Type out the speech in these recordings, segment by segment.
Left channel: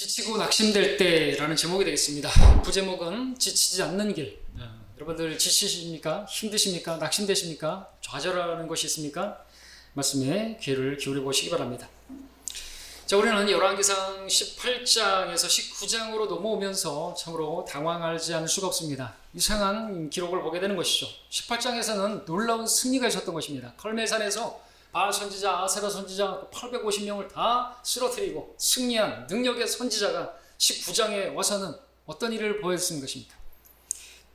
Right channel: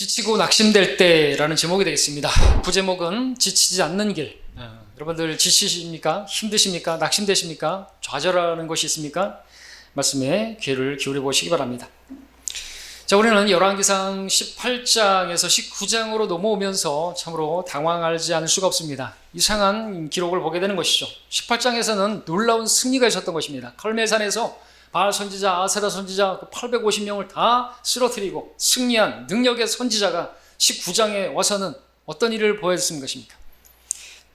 지치고 낙심될 때라는 제목이 되겠습니다. 부제목은 지치지 않는 길. 여러분들 지치십니까? 힘드십니까? 낙심되십니까? 좌절하는 것이 있습니까? 말씀에 귀를 기울여 보시기 바랍니다. 자, 우리는 열왕기상 18장에서 19장으로 넘어오면서 참으로 당황하지 않을 수가 없습니다. 이상한 기록을 보게 되는 것이죠. 18장에서는 놀라운 승리가 있었던 것입니다. 칼멜산에서 바알 선지자, 아세라 선지자 850명을 다 쓰러뜨리고 승리한 능력의 선지자가 19장에 와서는 어떤 일을 보여줬는 것입니까?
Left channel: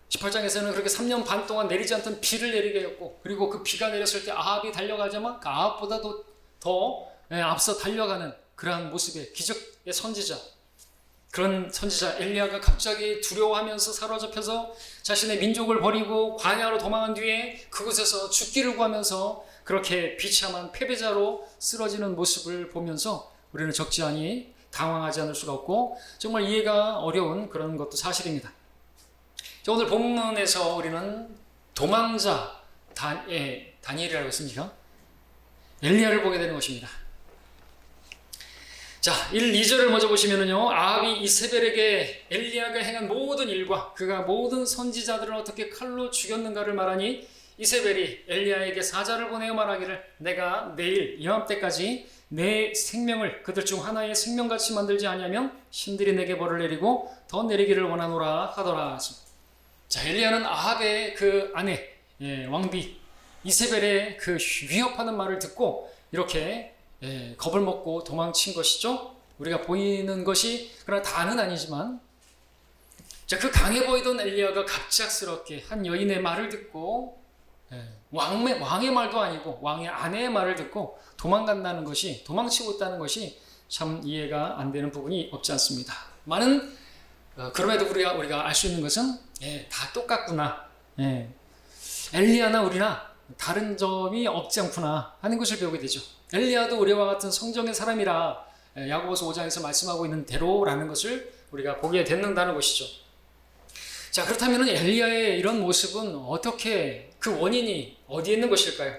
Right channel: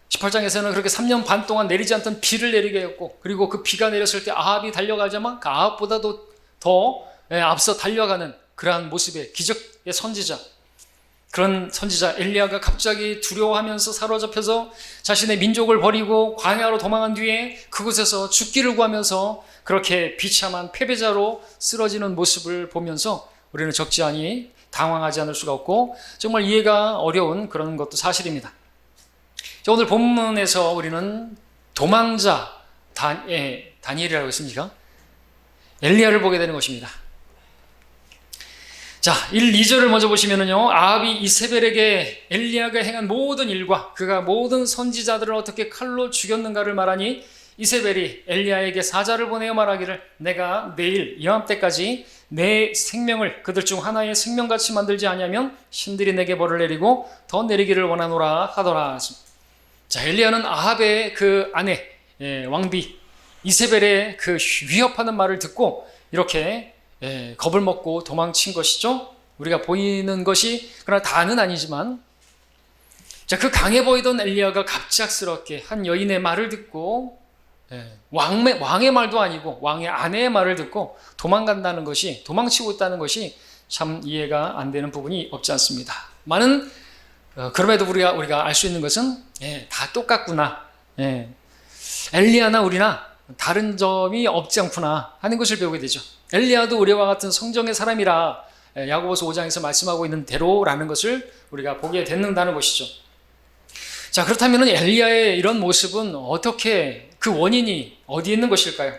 18장에서는 그렇게 3년 반 동안 내리지 않던 비를 내리게 했고, 그리고 그 비가 내렸을 때 아합이 달려가자만 그 아합보다도 더 앞서 달려가는 그러한 모습의 기적의 선지자, 그런 선지자 엘리야가 갑자기 두려워하면서 사로잡혀서 자신의 민족을 버리고 광야로 도망한 뒤에 그곳에서 죽기를 구하면서 그렇게 비참한 패배자로 쓰러지는 모습을 보면서 우리는 적지 당황하지 않을 수가 없고 정말 이해가 어려운 그런 것도 사실입니다. 오늘 본문에서 우리는 도망자 다니엘이라고 했습니까? 엘리야를 보게 되는 것입니다. 자, 1, 2절을 먼저 보시면은요, 아합이 이세벨에게 엘리야가 행한 모든 일과 그가 모든 선지자들을 어떻게 칼로 죽였는가를 말하니, 이세벨이 엘리야에게 사자를 보내어 말하기를 내가 내일 이맘때까지 내 생명을 그들 중 하나의 생명같이 만들지 아니하면 신들이 내게 벌을 내리고 더 내리기를 원하노라 하더라. 자, 엘리야는 아합의 그 아내 왕비 이세벨의 그 위협하는 말을 듣고 이렇게 겁을 먹고 도망친 것이죠. 우리가 보이는 것이 그러나 다는 아니지만, 자, 그 강해 보이던 엘리야가 갑작스럽게 한 여인의 말을 듣고 왕의 말도 아니고 왕의 아내의 말을 듣고 도망간다는 것이, 도망치고 있다는 것이 참 이해가 안 되는 부분이 없지 않습니다. 그럼에도 우리가 알 수 있는 것은 다 똑같구나, 엘리야나 우리나 다른 점이 없지 않구나 하는 것을 배우게 되죠. 엘리야도 우리와 같은 성정의 사람이라 야고보서 5장에서 말씀하고 있는 대로라는 것을 우리가 보게 된다는 것이죠. 자, 그렇다면 엘리야의 이런 모습은 어떻게, 그 원인이 어디에 있는 것일까요?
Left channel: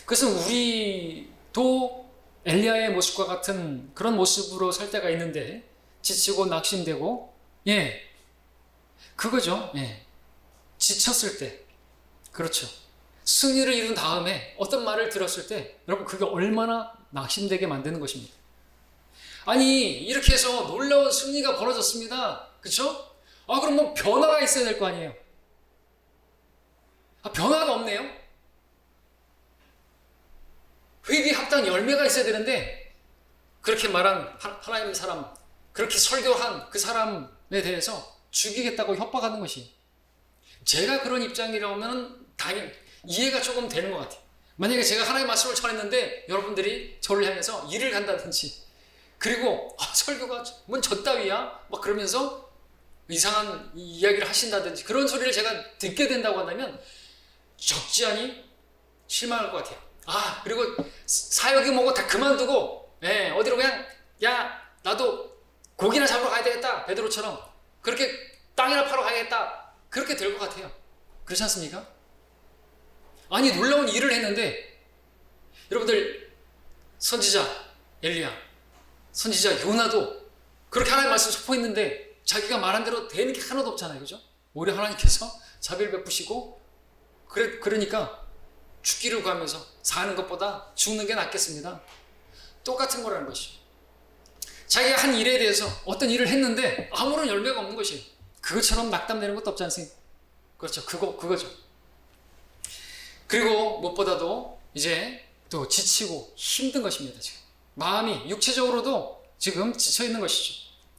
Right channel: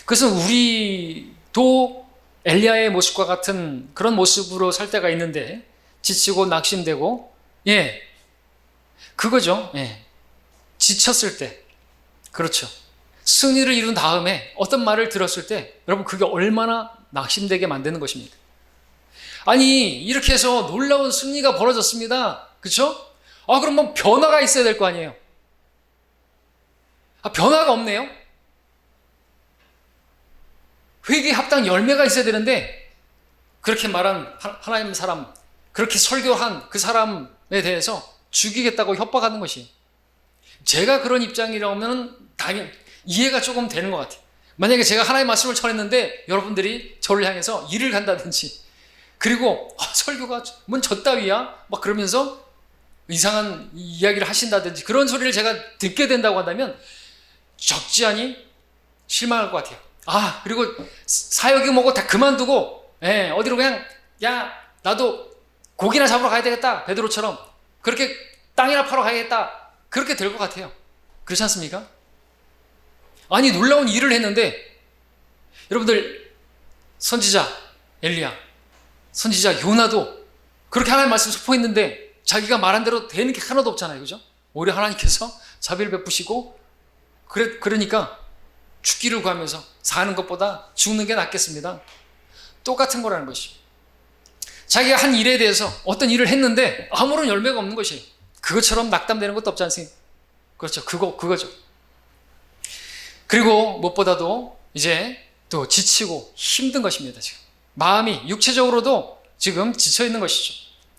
그것은 우리도 엘리야의 모습과 같은 그런 모습으로 살 때가 있는데, 지치고 낙심되고, 그거죠. 지쳤을 때, 그렇죠. 승리를 이룬 다음에 어떤 말을 들었을 때 여러분, 그게 얼마나 낙심되게 만드는 것입니까? 아니, 이렇게 해서 놀라운 승리가 벌어졌습니다. 그렇죠? 그럼 뭐 변화가 있어야 될 거 아니에요. 변화가 없네요. 회개 합당 열매가 있어야 되는데, 그렇게 말한 하나님 사람, 그렇게 설교한 그 사람에 대해서 죽이겠다고 협박하는 것이, 제가 그런 입장이라면 당연히 이해가 조금 되는 것 같아요. 만약에 제가 하나님의 말씀을 전했는데 여러분들이 저를 향해서 일을 간다든지, 그리고 설교가 뭔 저따위야 막 그러면서 이상한 이야기를 하신다든지 그런 소리를 제가 듣게 된다고 한다면 적지 않이 실망할 것 같아요. 그리고 사역이 뭐고 다 그만두고 어디로 그냥, 야, 나도 고기나 잡으러 가야 되겠다, 베드로처럼 그렇게 땅이나 파러 가야겠다, 그렇게 될 것 같아요. 그렇지 않습니까? 아니, 놀라운 일을 했는데, 여러분들, 선지자 엘리야, 선지자 요나도 그렇게 하나님 말씀 선포했는데 자기가 말한 대로 되는 게 하나도 없잖아요. 그죠? 오히려 하나님께서 자비를 베푸시고, 그러니까 죽기를 구하면서 사는 것보다 죽는 게 낫겠습니다. 똑같은 거라는 것이죠. 자기가 한 일에 대해서 어떤 일을 했는데 아무런 열매가 없는 것이에요. 그것처럼 낙담되는 것도 없지 않습니까? 그렇죠. 그거죠. 그리고 무엇보다도 이제 또 지치고 힘든 것입니다. 지금 마음이 육체적으로도 지금 지쳐 있는 것이죠.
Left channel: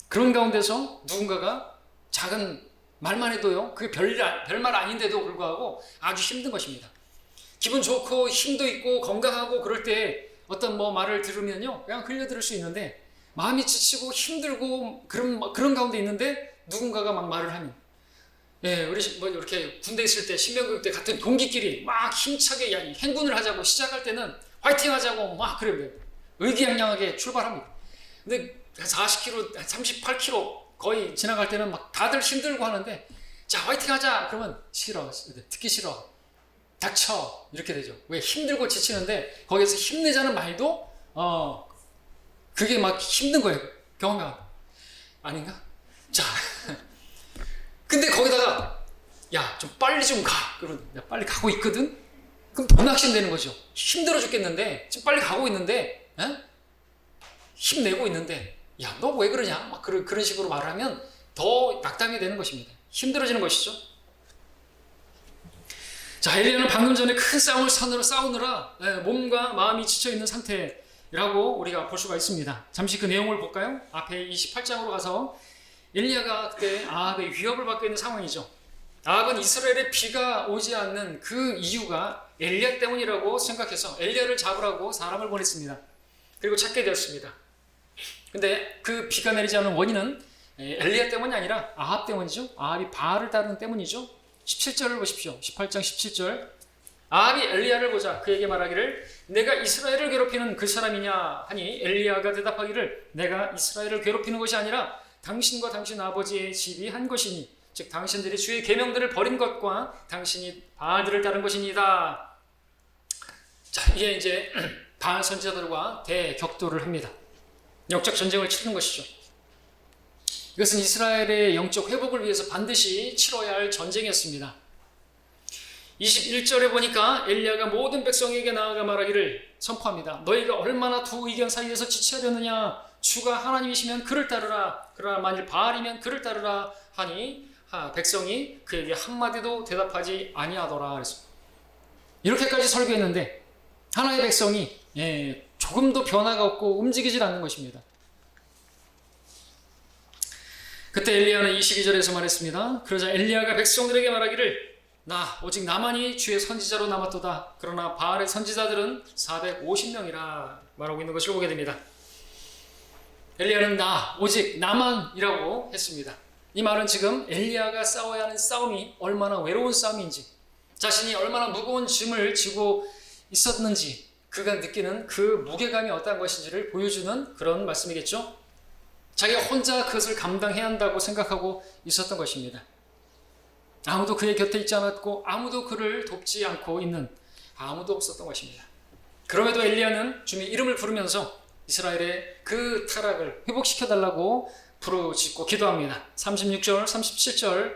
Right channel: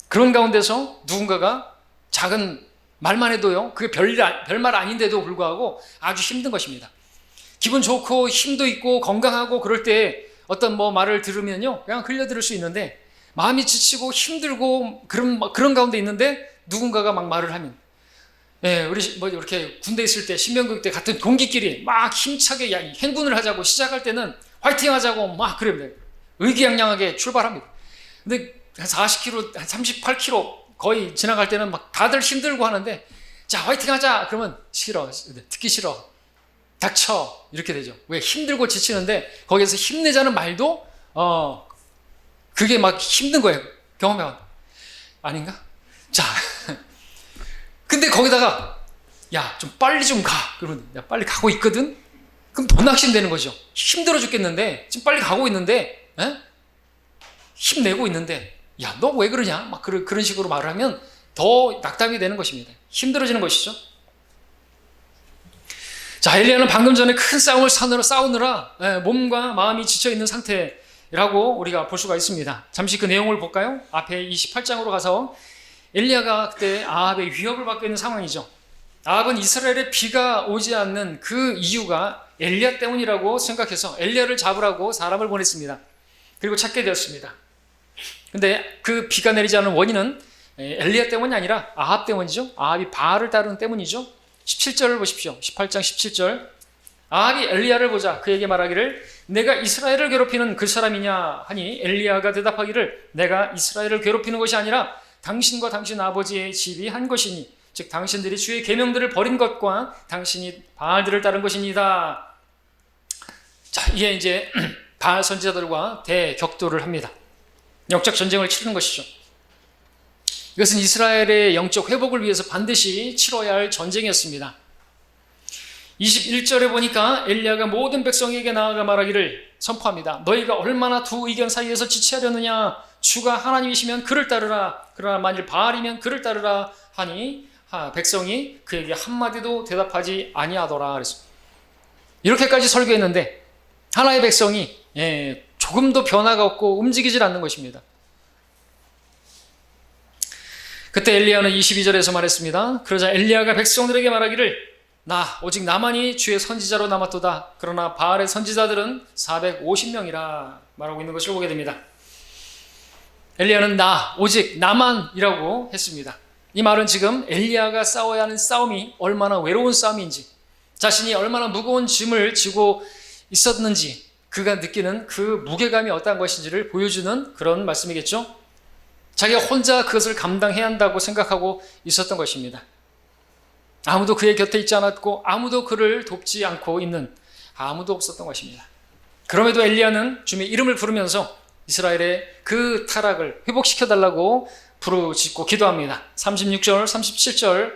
그런 가운데서 누군가가 작은 말만 해도요, 그게 별말 아닌데도 불구하고 아주 힘든 것입니다. 기분 좋고 힘도 있고 건강하고 그럴 때 어떤 말을 들으면요, 그냥 흘려들을 수 있는데, 마음이 지치고 힘들고 그런 가운데 있는데 누군가가 막 말을 하면, 우리 이렇게 군대 있을 때, 신병교육 때 같은 동기끼리 막 힘차게 행군을 하자고 시작할 때는 화이팅 하자고 막 그래 의기양양하게 출발합니다. 근데 한 40km, 한 38km 거의 지나갈 때는 막 다들 힘들고 하는데, 자, 화이팅 하자 그러면 싫어, 듣기 싫어, 닥쳐, 이렇게 되죠. 왜? 힘들고 지치는데 거기에서 힘내자는 말도 그게 막 힘든 거예요. 경험해봐. 아닌가? 자, 근데 거기다가 야, 좀 빨리 좀 가. 그러면 내가 빨리 가고 있거든? 그럼 더 낙심되는 거죠. 힘들어 죽겠는데 지금 빨리 가고 있는데 힘내고 있는데 야, 너 왜 그러냐? 막 그런 식으로 말을 하면 더 낙담이 되는 것입니다. 힘들어지는 것이죠. 자, 엘리야는 방금 전에 큰 싸움을 싸우느라 몸과 마음이 지쳐있는 상태라고 우리가 볼 수가 있습니다. 잠시 그 내용을 볼까요? 앞에 28장으로 가서 엘리야가 그때 아합의 위협을 받고 있는 상황이죠. 아합은 이스라엘에 비가 오지 않는 그 이유가 엘리야 때문이라고 생각해서 엘리야를 잡으라고 사람을 보냈습니다. 그리고 찾게 되었습니다. 근데 그 비가 내리지 않은 원인은 엘리야 때문이 아니라 아합 때문이죠. 아합이 바알을 따르는 때문이죠. 17절을 보십시오. 18장 17절. 아합이 엘리야를 보자 그에게 말하기를 내가 이스라엘을 괴롭히는 그 사람이냐 하니 엘리야가 대답하기를 내가 이스라엘을 괴롭히는 것이 아니라 당신과 당신 아버지의 집이 한 것이니 즉 당신들이 주의 계명들을 버린 것과 당신이 바알들을 따른 것이니다. 자, 이게 이제 바알 선지자들과 대격돌을 합니다. 영적 전쟁을 치르는 것이죠. 이것은 이스라엘의 영적 회복을 위해서 반드시 치러야 할 전쟁이었습니다. 21절에 보니까 엘리야가 모든 백성에게 나아가 말하기를 선포합니다. 너희가 얼마나 두 의견 사이에서 지체하려느냐. 주가 하나님이시면 그를 따르라. 그러나 만일 바알이면 그를 따르라 하니 백성이 그에게 한마디도 대답하지 아니하더라. 그래서 이렇게까지 설교했는데 하나의 백성이 조금도 변화가 없고 움직이질 않는 것입니다. 그때 엘리야는 22절에서 말했습니다. 그러자 엘리야가 백성들에게 말하기를 나 오직 나만이 주의 선지자로 남았도다. 그러나 바알의 선지자들은 450명이라 말하고 있는 것을 보게 됩니다. 엘리야는 나 오직 나만이라고 했습니다. 이 말은 지금 엘리야가 싸워야 하는 싸움이 얼마나 외로운 싸움인지, 자신이 얼마나 무거운 짐을 지고 있었는지 그가 느끼는 그 무게감이 어떠한 것인지를 보여주는 그런 말씀이겠죠. 자기가 혼자 그것을 감당해야 한다고 생각하고 있었던 것입니다. 아무도 그의 곁에 있지 않았고 아무도 그를 돕지 않고 있는 아무도 없었던 것입니다. 그럼에도 엘리야는 주님의 이름을 부르면서 이스라엘의 그 타락을 회복시켜달라고 부르짖고 기도합니다. 36절, 37절.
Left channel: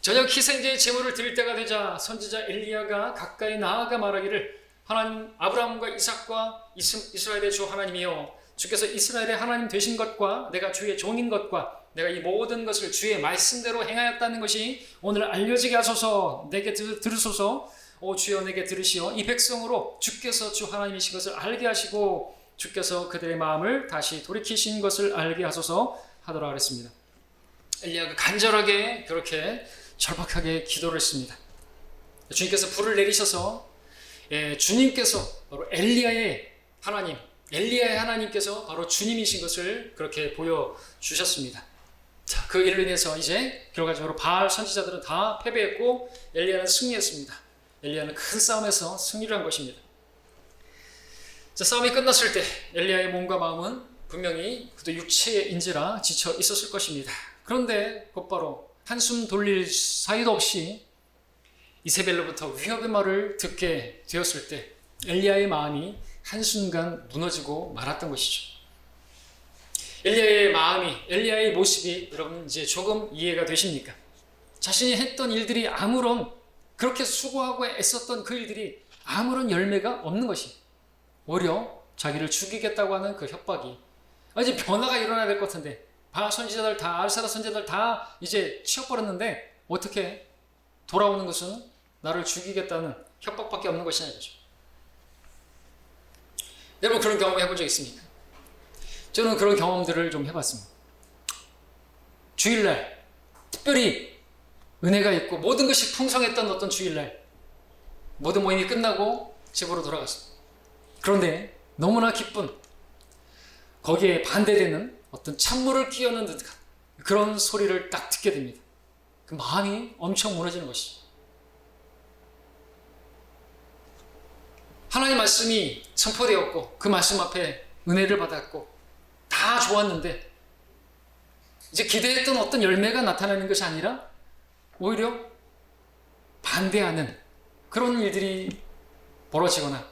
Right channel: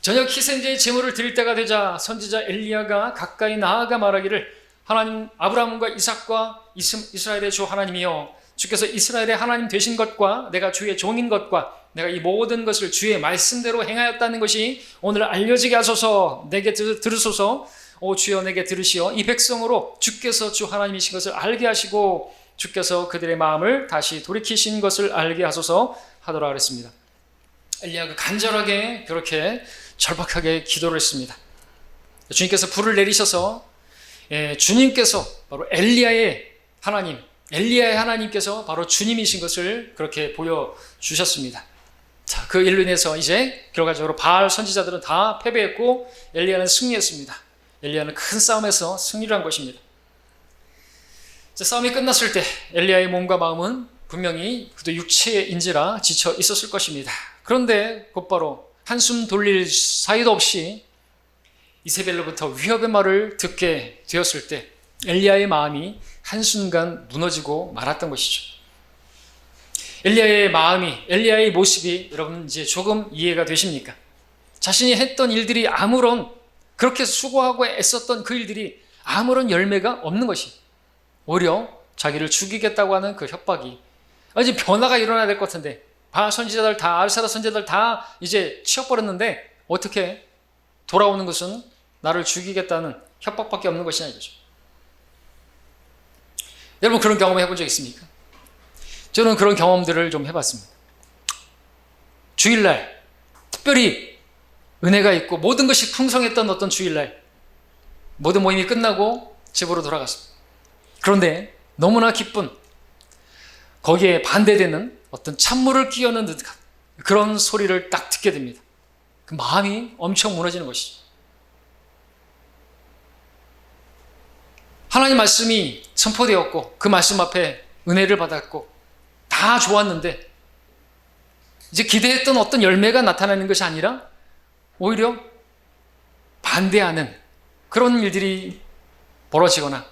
저녁 희생제의 제물을 드릴 때가 되자 선지자 엘리야가 가까이 나아가 말하기를 하나님 아브라함과 이삭과 이스라엘의 주 하나님이여 주께서 이스라엘의 하나님 되신 것과 내가 주의 종인 것과 내가 이 모든 것을 주의 말씀대로 행하였다는 것이 오늘 알려지게 하소서. 내게 들으소서. 오 주여 내게 들으시어 이 백성으로 주께서 주 하나님이신 것을 알게 하시고 주께서 그들의 마음을 다시 돌이키신 것을 알게 하소서 하더라 그랬습니다. 엘리야가 간절하게 그렇게 절박하게 기도를 했습니다. 주님께서 불을 내리셔서 주님께서 바로 엘리야의 하나님께서 바로 주님이신 것을 그렇게 보여주셨습니다. 자, 그 일로 인해서 이제 결과적으로 바알 선지자들은 다 패배했고 엘리야는 승리했습니다. 엘리야는 큰 싸움에서 승리를 한 것입니다. 자, 싸움이 끝났을 때 엘리야의 몸과 마음은 분명히 그도 육체인지라 지쳐 있었을 것입니다. 그런데 곧바로 한숨 돌릴 사이도 없이 이세벨로부터 위협의 말을 듣게 되었을 때 엘리야의 마음이 한순간 무너지고 말았던 것이죠. 엘리야의 마음이, 엘리야의 모습이 여러분 이제 조금 이해가 되십니까? 자신이 했던 일들이 그렇게 수고하고 애썼던 그 일들이 아무런 열매가 없는 것이 오히려 자기를 죽이겠다고 하는 그 협박이 이제 변화가 일어나야 될 것 같은데 바알 선지자들 다 알사라 선지자들 다 이제 치워버렸는데 어떻게 돌아오는 것은 나를 죽이겠다는 협박밖에 없는 것이냐 이거죠. 여러분 그런 경험 해본 적 있습니까? 저는 그런 경험들을 좀 해봤습니다. 주일날 특별히 은혜가 있고 모든 것이 풍성했던 어떤 주일날 모든 모임이 끝나고 집으로 돌아갔습니다. 그런데 너무나 기쁜 거기에 반대되는 어떤 찬물을 끼얹는 듯한 그런 소리를 딱 듣게 됩니다. 그 마음이 엄청 무너지는 것이죠. 하나님 말씀이 선포되었고 그 말씀 앞에 은혜를 받았고 다 좋았는데 이제 기대했던 어떤 열매가 나타나는 것이 아니라 오히려 반대하는 그런 일들이 벌어지거나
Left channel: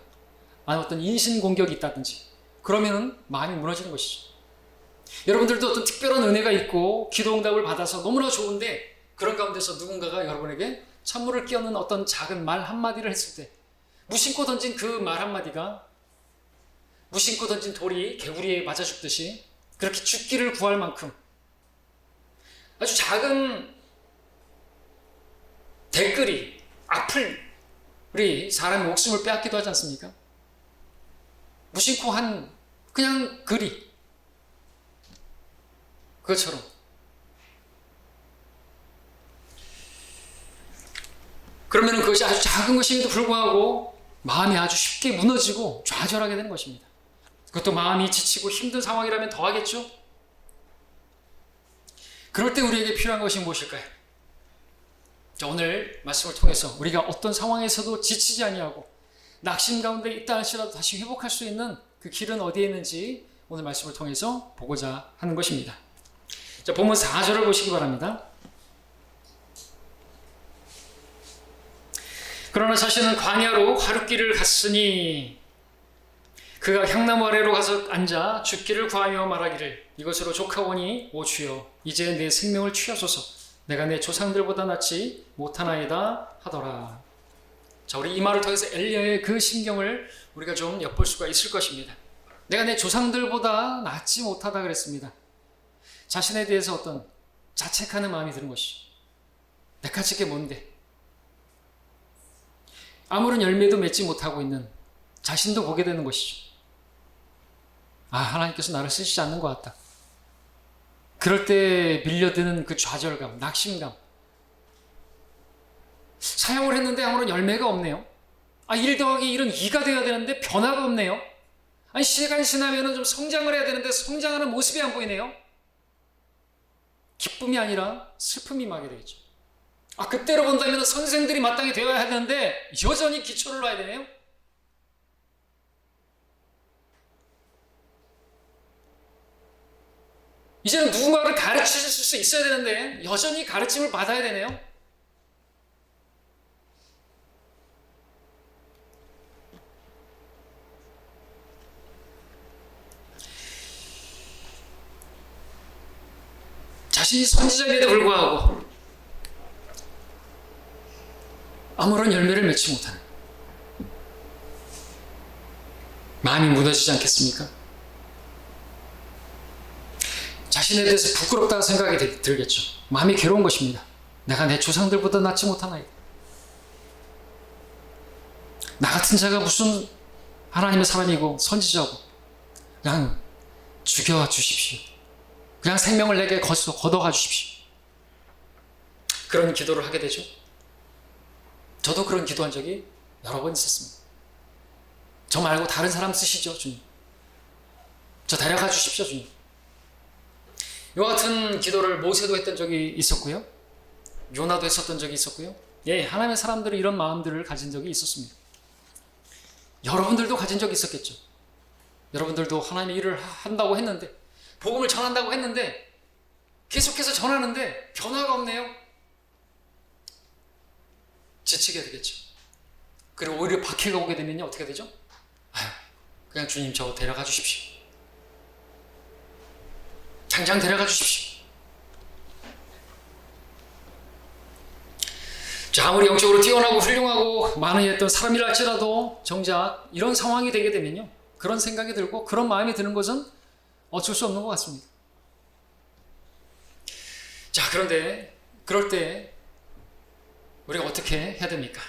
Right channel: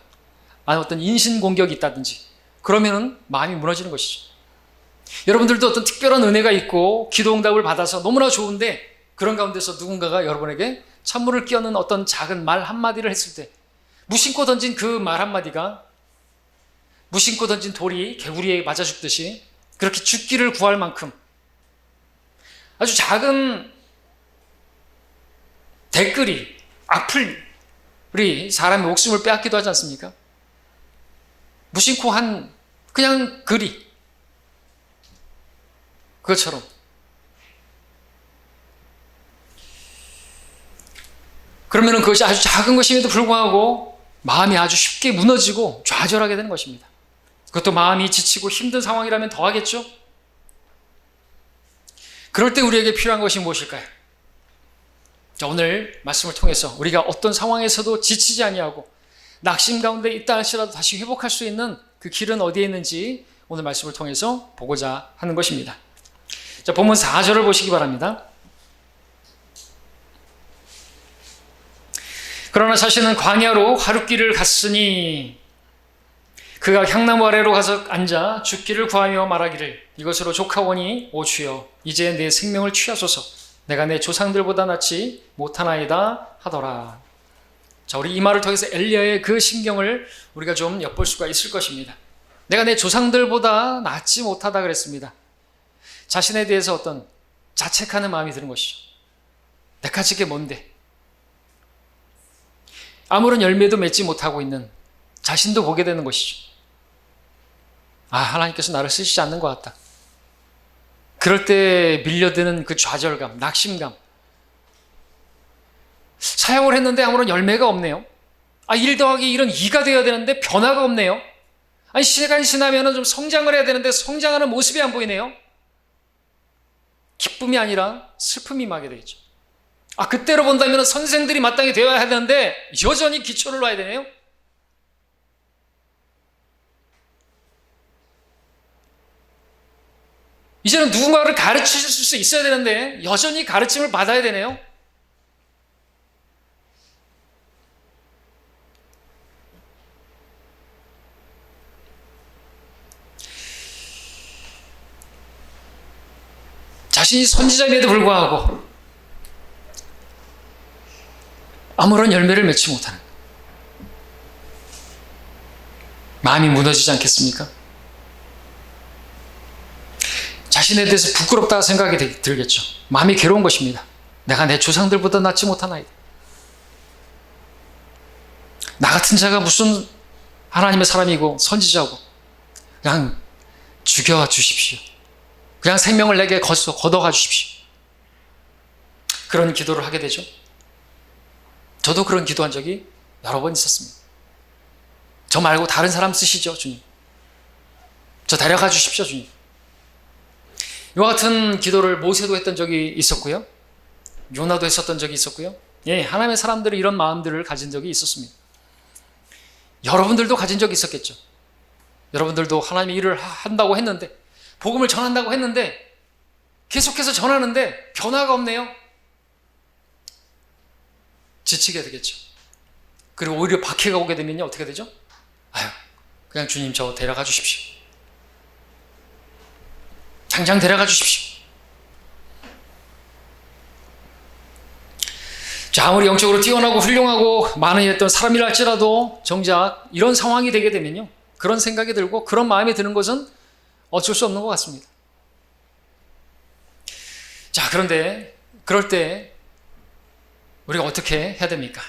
어떤 인신공격이 있다든지 그러면은 마음이 무너지는 것이죠. 여러분들도 어떤 특별한 은혜가 있고 기도 응답을 받아서 너무나 좋은데 그런 가운데서 누군가가 여러분에게 찬물을 끼얹는 어떤 작은 말 한마디를 했을 때 무심코 던진 그 말 한마디가 무심코 던진 돌이 개구리에 맞아 죽듯이 그렇게 죽기를 구할 만큼 아주 작은 댓글이 악플이 사람의 목숨을 빼앗기도 하지 않습니까? 무심코 한 그냥 글이 그것처럼 그러면 그것이 아주 작은 것임에도 불구하고 마음이 아주 쉽게 무너지고 좌절하게 되는 것입니다. 그것도 마음이 지치고 힘든 상황이라면 더 하겠죠? 그럴 때 우리에게 필요한 것이 무엇일까요? 자, 오늘 말씀을 통해서 우리가 어떤 상황에서도 지치지 아니하고 낙심 가운데 있다 할지라도 다시 회복할 수 있는 그 길은 어디에 있는지 오늘 말씀을 통해서 보고자 하는 것입니다. 자, 본문 4절을 보시기 바랍니다. 그러나 자신은 광야로 하룻길을 갔으니 그가 향나무 아래로 가서 앉아 죽기를 구하며 말하기를 이것으로 족하오니 오 주여 이제 내 생명을 취하소서 내가 내 조상들보다 낫지 못하나이다 하더라. 자, 우리 이 말을 통해서 엘리야의 그 심경을 우리가 좀 엿볼 수가 있을 것입니다. 내가 내 조상들보다 낫지 못하다 그랬습니다. 자신에 대해서 어떤 자책하는 마음이 드는 것이죠. 내가 지게 뭔데? 아무런 열매도 맺지 못하고 있는 자신도 보게 되는 것이죠. 아, 하나님께서 나를 쓰시지 않는 것 같다. 그럴 때 밀려드는 그 좌절감, 낙심감. 사역을 했는데 아무런 열매가 없네요. 아, 1 더하기 1은 2가 되어야 되는데 변화가 없네요. 아니, 시간이 지나면 좀 성장을 해야 되는데 성장하는 모습이 안 보이네요. 기쁨이 아니라 슬픔이 임하게 되겠죠. 아, 그때로 본다면 선생들이 마땅히 되어야 되는데 여전히 기초를 놔야 되네요. 이제는 누군가를 가르칠 수 있어야 되는데 여전히 가르침을 받아야 되네요. 자신이 선지자임에도 불구하고 아무런 열매를 맺지 못하는 마음이 무너지지 않겠습니까? 자신에 대해서 부끄럽다 생각이 들겠죠. 마음이 괴로운 것입니다. 내가 내 조상들보다 낫지 못하나이다. 나 같은 자가 무슨 하나님의 사람이고 선지자고 그냥 죽여주십시오. 그냥 생명을 내게 걷어가 주십시오. 그런 기도를 하게 되죠. 저도 그런 기도한 적이 여러 번 있었습니다. 저 말고 다른 사람 쓰시죠, 주님. 저 데려가 주십시오, 주님. 이와 같은 기도를 모세도 했던 적이 있었고요. 요나도 했었던 적이 있었고요. 예, 하나님의 사람들이 이런 마음들을 가진 적이 있었습니다. 여러분들도 가진 적이 있었겠죠. 여러분들도 하나님의 일을 한다고 했는데 복음을 전한다고 했는데 계속해서 전하는데 변화가 없네요. 지치게 되겠죠. 그리고 오히려 박해가 오게 되면요 어떻게 되죠? 아유, 그냥 주님 저 데려가 주십시오. 당장 데려가 주십시오. 자, 아무리 영적으로 뛰어나고 훌륭하고 많은 일했던 사람이라 할지라도 정작 이런 상황이 되게 되면요 그런 생각이 들고 그런 마음이 드는 것은 어쩔 수 없는 것 같습니다. 자, 그런데 그럴 때 우리가 어떻게 해야 됩니까?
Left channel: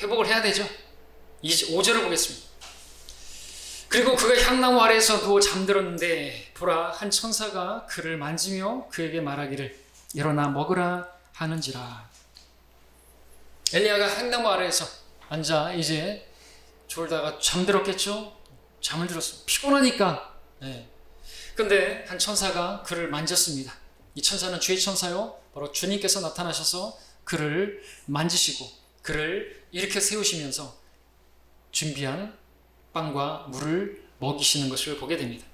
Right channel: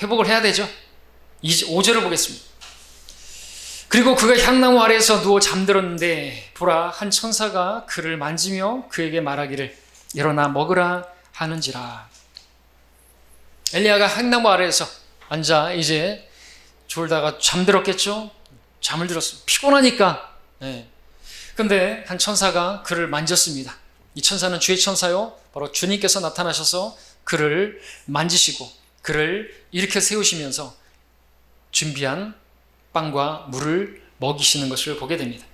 회복을 해야 되죠. 5절을 보겠습니다. 그리고 그가 향나무 아래에서 누워 잠들었는데 보라, 한 천사가 그를 만지며 그에게 말하기를 일어나 먹으라 하는지라. 엘리야가 향나무 아래에서 앉아 이제 졸다가 잠들었겠죠. 잠을 들었어요. 피곤하니까. 네. 근데 한 천사가 그를 만졌습니다. 이 천사는 주의 천사요, 바로 주님께서 나타나셔서 그를 만지시고 그를 일으켜 세우시면서 준비한 빵과 물을 먹이시는 것을 보게 됩니다.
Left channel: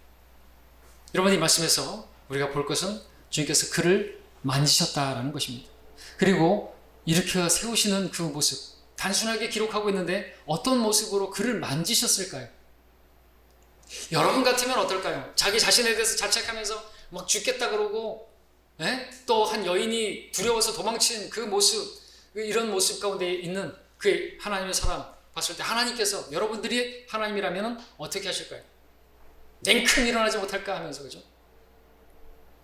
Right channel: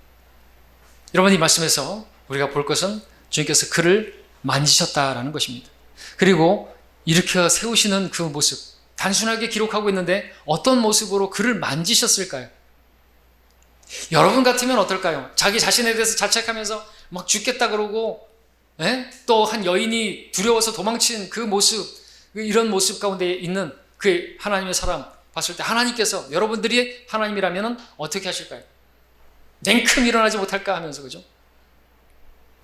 여러분, 이 말씀에서 우리가 볼 것은 주님께서 그를 만지셨다라는 것입니다. 그리고 일으켜 세우시는 그 모습, 단순하게 기록하고 있는데 어떤 모습으로 그를 만지셨을까요? 여러분 같으면 어떨까요? 자기 자신에 대해서 자책하면서 막 죽겠다 그러고 또 한 여인이 두려워서 도망친 그 모습, 이런 모습 가운데 있는 그 하나님의 사람 봤을 때 하나님께서 여러분들이 하나님이라면 어떻게 하실까요? 냉큼 일어나지 못할까 하면서, 그죠?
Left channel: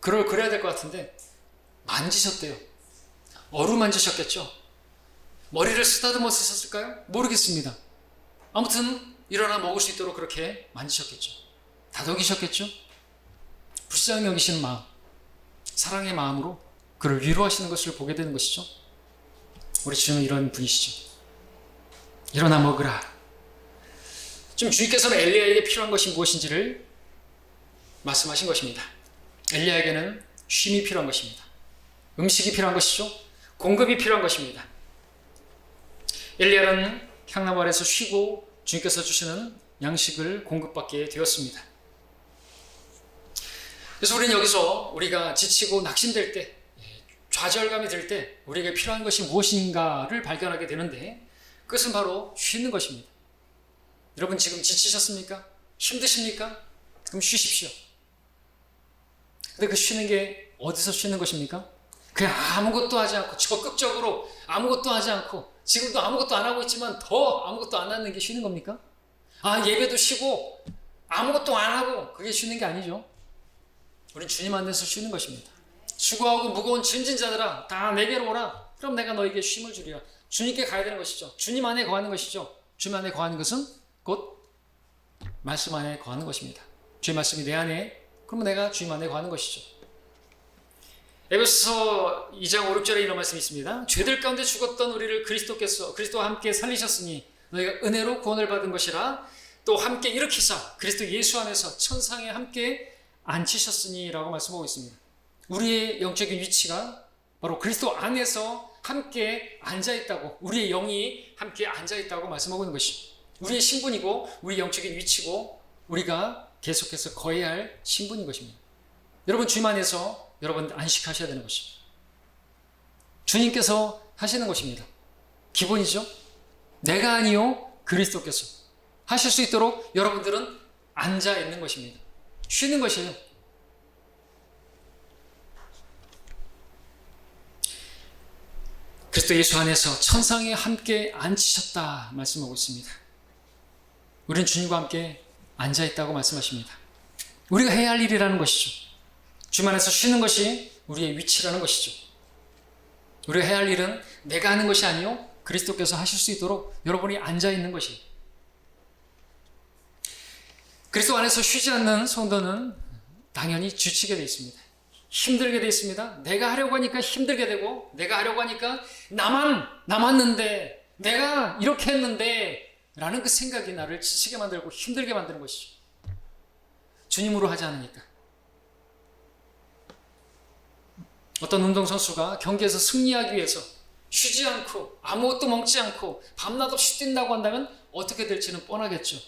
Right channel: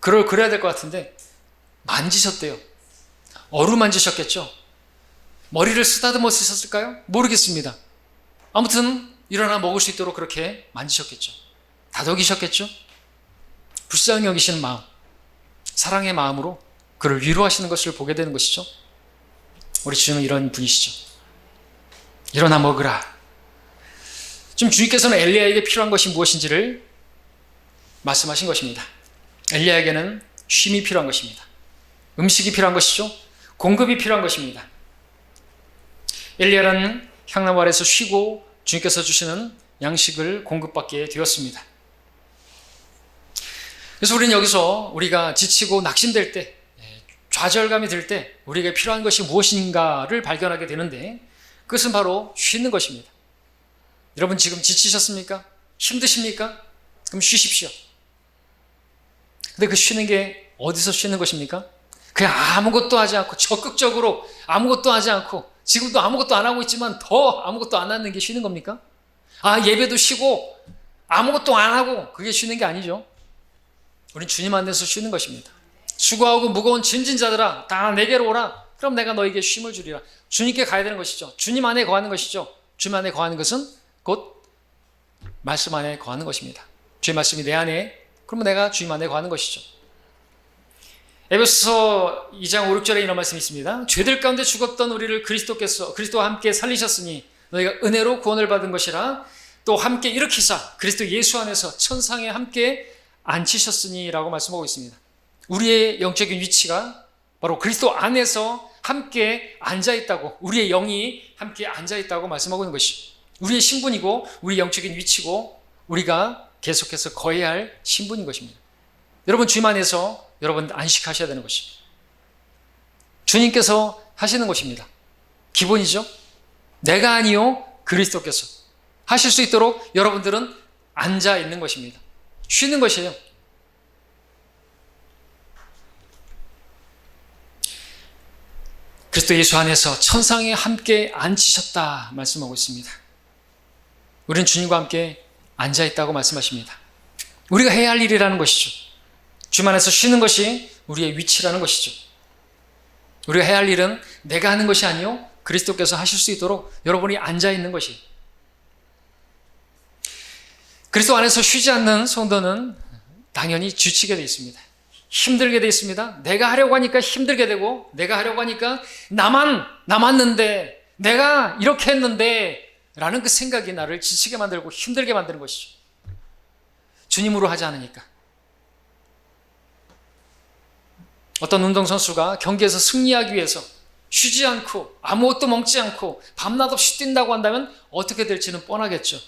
그래야 될 것 같은데 만지셨대요. 어루만지셨겠죠? 머리를 쓰다듬어 쓰셨을까요? 모르겠습니다. 아무튼 일어나 먹을 수 있도록 그렇게 만지셨겠죠. 다독이셨겠죠? 불쌍히 여기시는 마음, 사랑의 마음으로 그를 위로하시는 것을 보게 되는 것이죠. 우리 주님은 이런 분이시죠. 일어나 먹으라. 지금 주님께서는 엘리야에게 필요한 것이 무엇인지를 말씀하신 것입니다. 엘리야에게는 쉼이 필요한 것입니다. 음식이 필요한 것이죠. 공급이 필요한 것입니다. 엘리야는 향나무 아래에서 쉬고 주님께서 주시는 양식을 공급받게 되었습니다. 그래서 우리는 여기서 우리가 지치고 낙심될 때, 좌절감이 들 때 우리에게 필요한 것이 무엇인가를 발견하게 되는데, 그것은 바로 쉬는 것입니다. 여러분 지금 지치셨습니까? 힘드십니까? 그럼 쉬십시오. 근데 그 쉬는 게 어디서 쉬는 것입니까? 그냥 아무것도 하지 않고 적극적으로 아무것도 하지 않고 지금도 아무것도 안 하고 있지만 더 아무것도 안 하는 게 쉬는 겁니까? 예배도 쉬고 아무것도 안 하고 그게 쉬는 게 아니죠. 우린 주님 안에서 쉬는 것입니다. 수고하고 무거운 짐진 자들아 다 내게로 오라. 그럼 내가 너에게 쉼을 주리라. 주님께 가야 되는 것이죠. 주님 안에 거하는 것이죠. 주님 안에 거하는 것은 곧 말씀 안에 거하는 것입니다. 주의 말씀이 내 안에, 그러면 내가 주님 안에 거하는 것이죠. 에베소서 2장 5, 6절에 이런 말씀이 있습니다. 죄들 가운데 죽었던 우리를 그리스도와 함께 살리셨으니 너희가 은혜로 구원을 받은 것이라. 또 함께 일으키사 그리스도 예수 안에서 천상에 함께 앉히셨으니 라고 말씀하고 있습니다. 우리의 영적인 위치가 바로 그리스도 안에서 함께 앉아있다고, 우리의 영이 함께 앉아있다고 말씀하고 있는 것이죠. 우리의 신분이고 우리의 영적인 위치고 우리가 계속해서 거해야 할 신분인 것입니다. 여러분 주님 안에서 여러분 안식하셔야 되는 것입니다. 주님께서 하시는 것입니다. 기본이죠. 내가 아니요 그리스도께서 하실 수 있도록 여러분들은 앉아 있는 것입니다. 쉬는 것이에요. 그리스도 예수 안에서 천상에 함께 앉히셨다 말씀하고 있습니다. 우리는 주님과 함께 앉아있다고 말씀하십니다. 우리가 해야 할 일이라는 것이죠. 주님 안에서 쉬는 것이 우리의 위치라는 것이죠. 우리가 해야 할 일은 내가 하는 것이 아니요 그리스도께서 하실 수 있도록 여러분이 앉아있는 것이. 그리스도 안에서 쉬지 않는 성도는 당연히 지치게 되어 있습니다. 힘들게 되어 있습니다. 내가 하려고 하니까 힘들게 되고, 내가 하려고 하니까 나만 남았는데, 내가 이렇게 했는데 라는 그 생각이 나를 지치게 만들고 힘들게 만드는 것이죠. 주님으로 하지 않으니까. 어떤 운동선수가 경기에서 승리하기 위해서 쉬지 않고 아무것도 먹지 않고 밤낮 없이 뛴다고 한다면 어떻게 될지는 뻔하겠죠.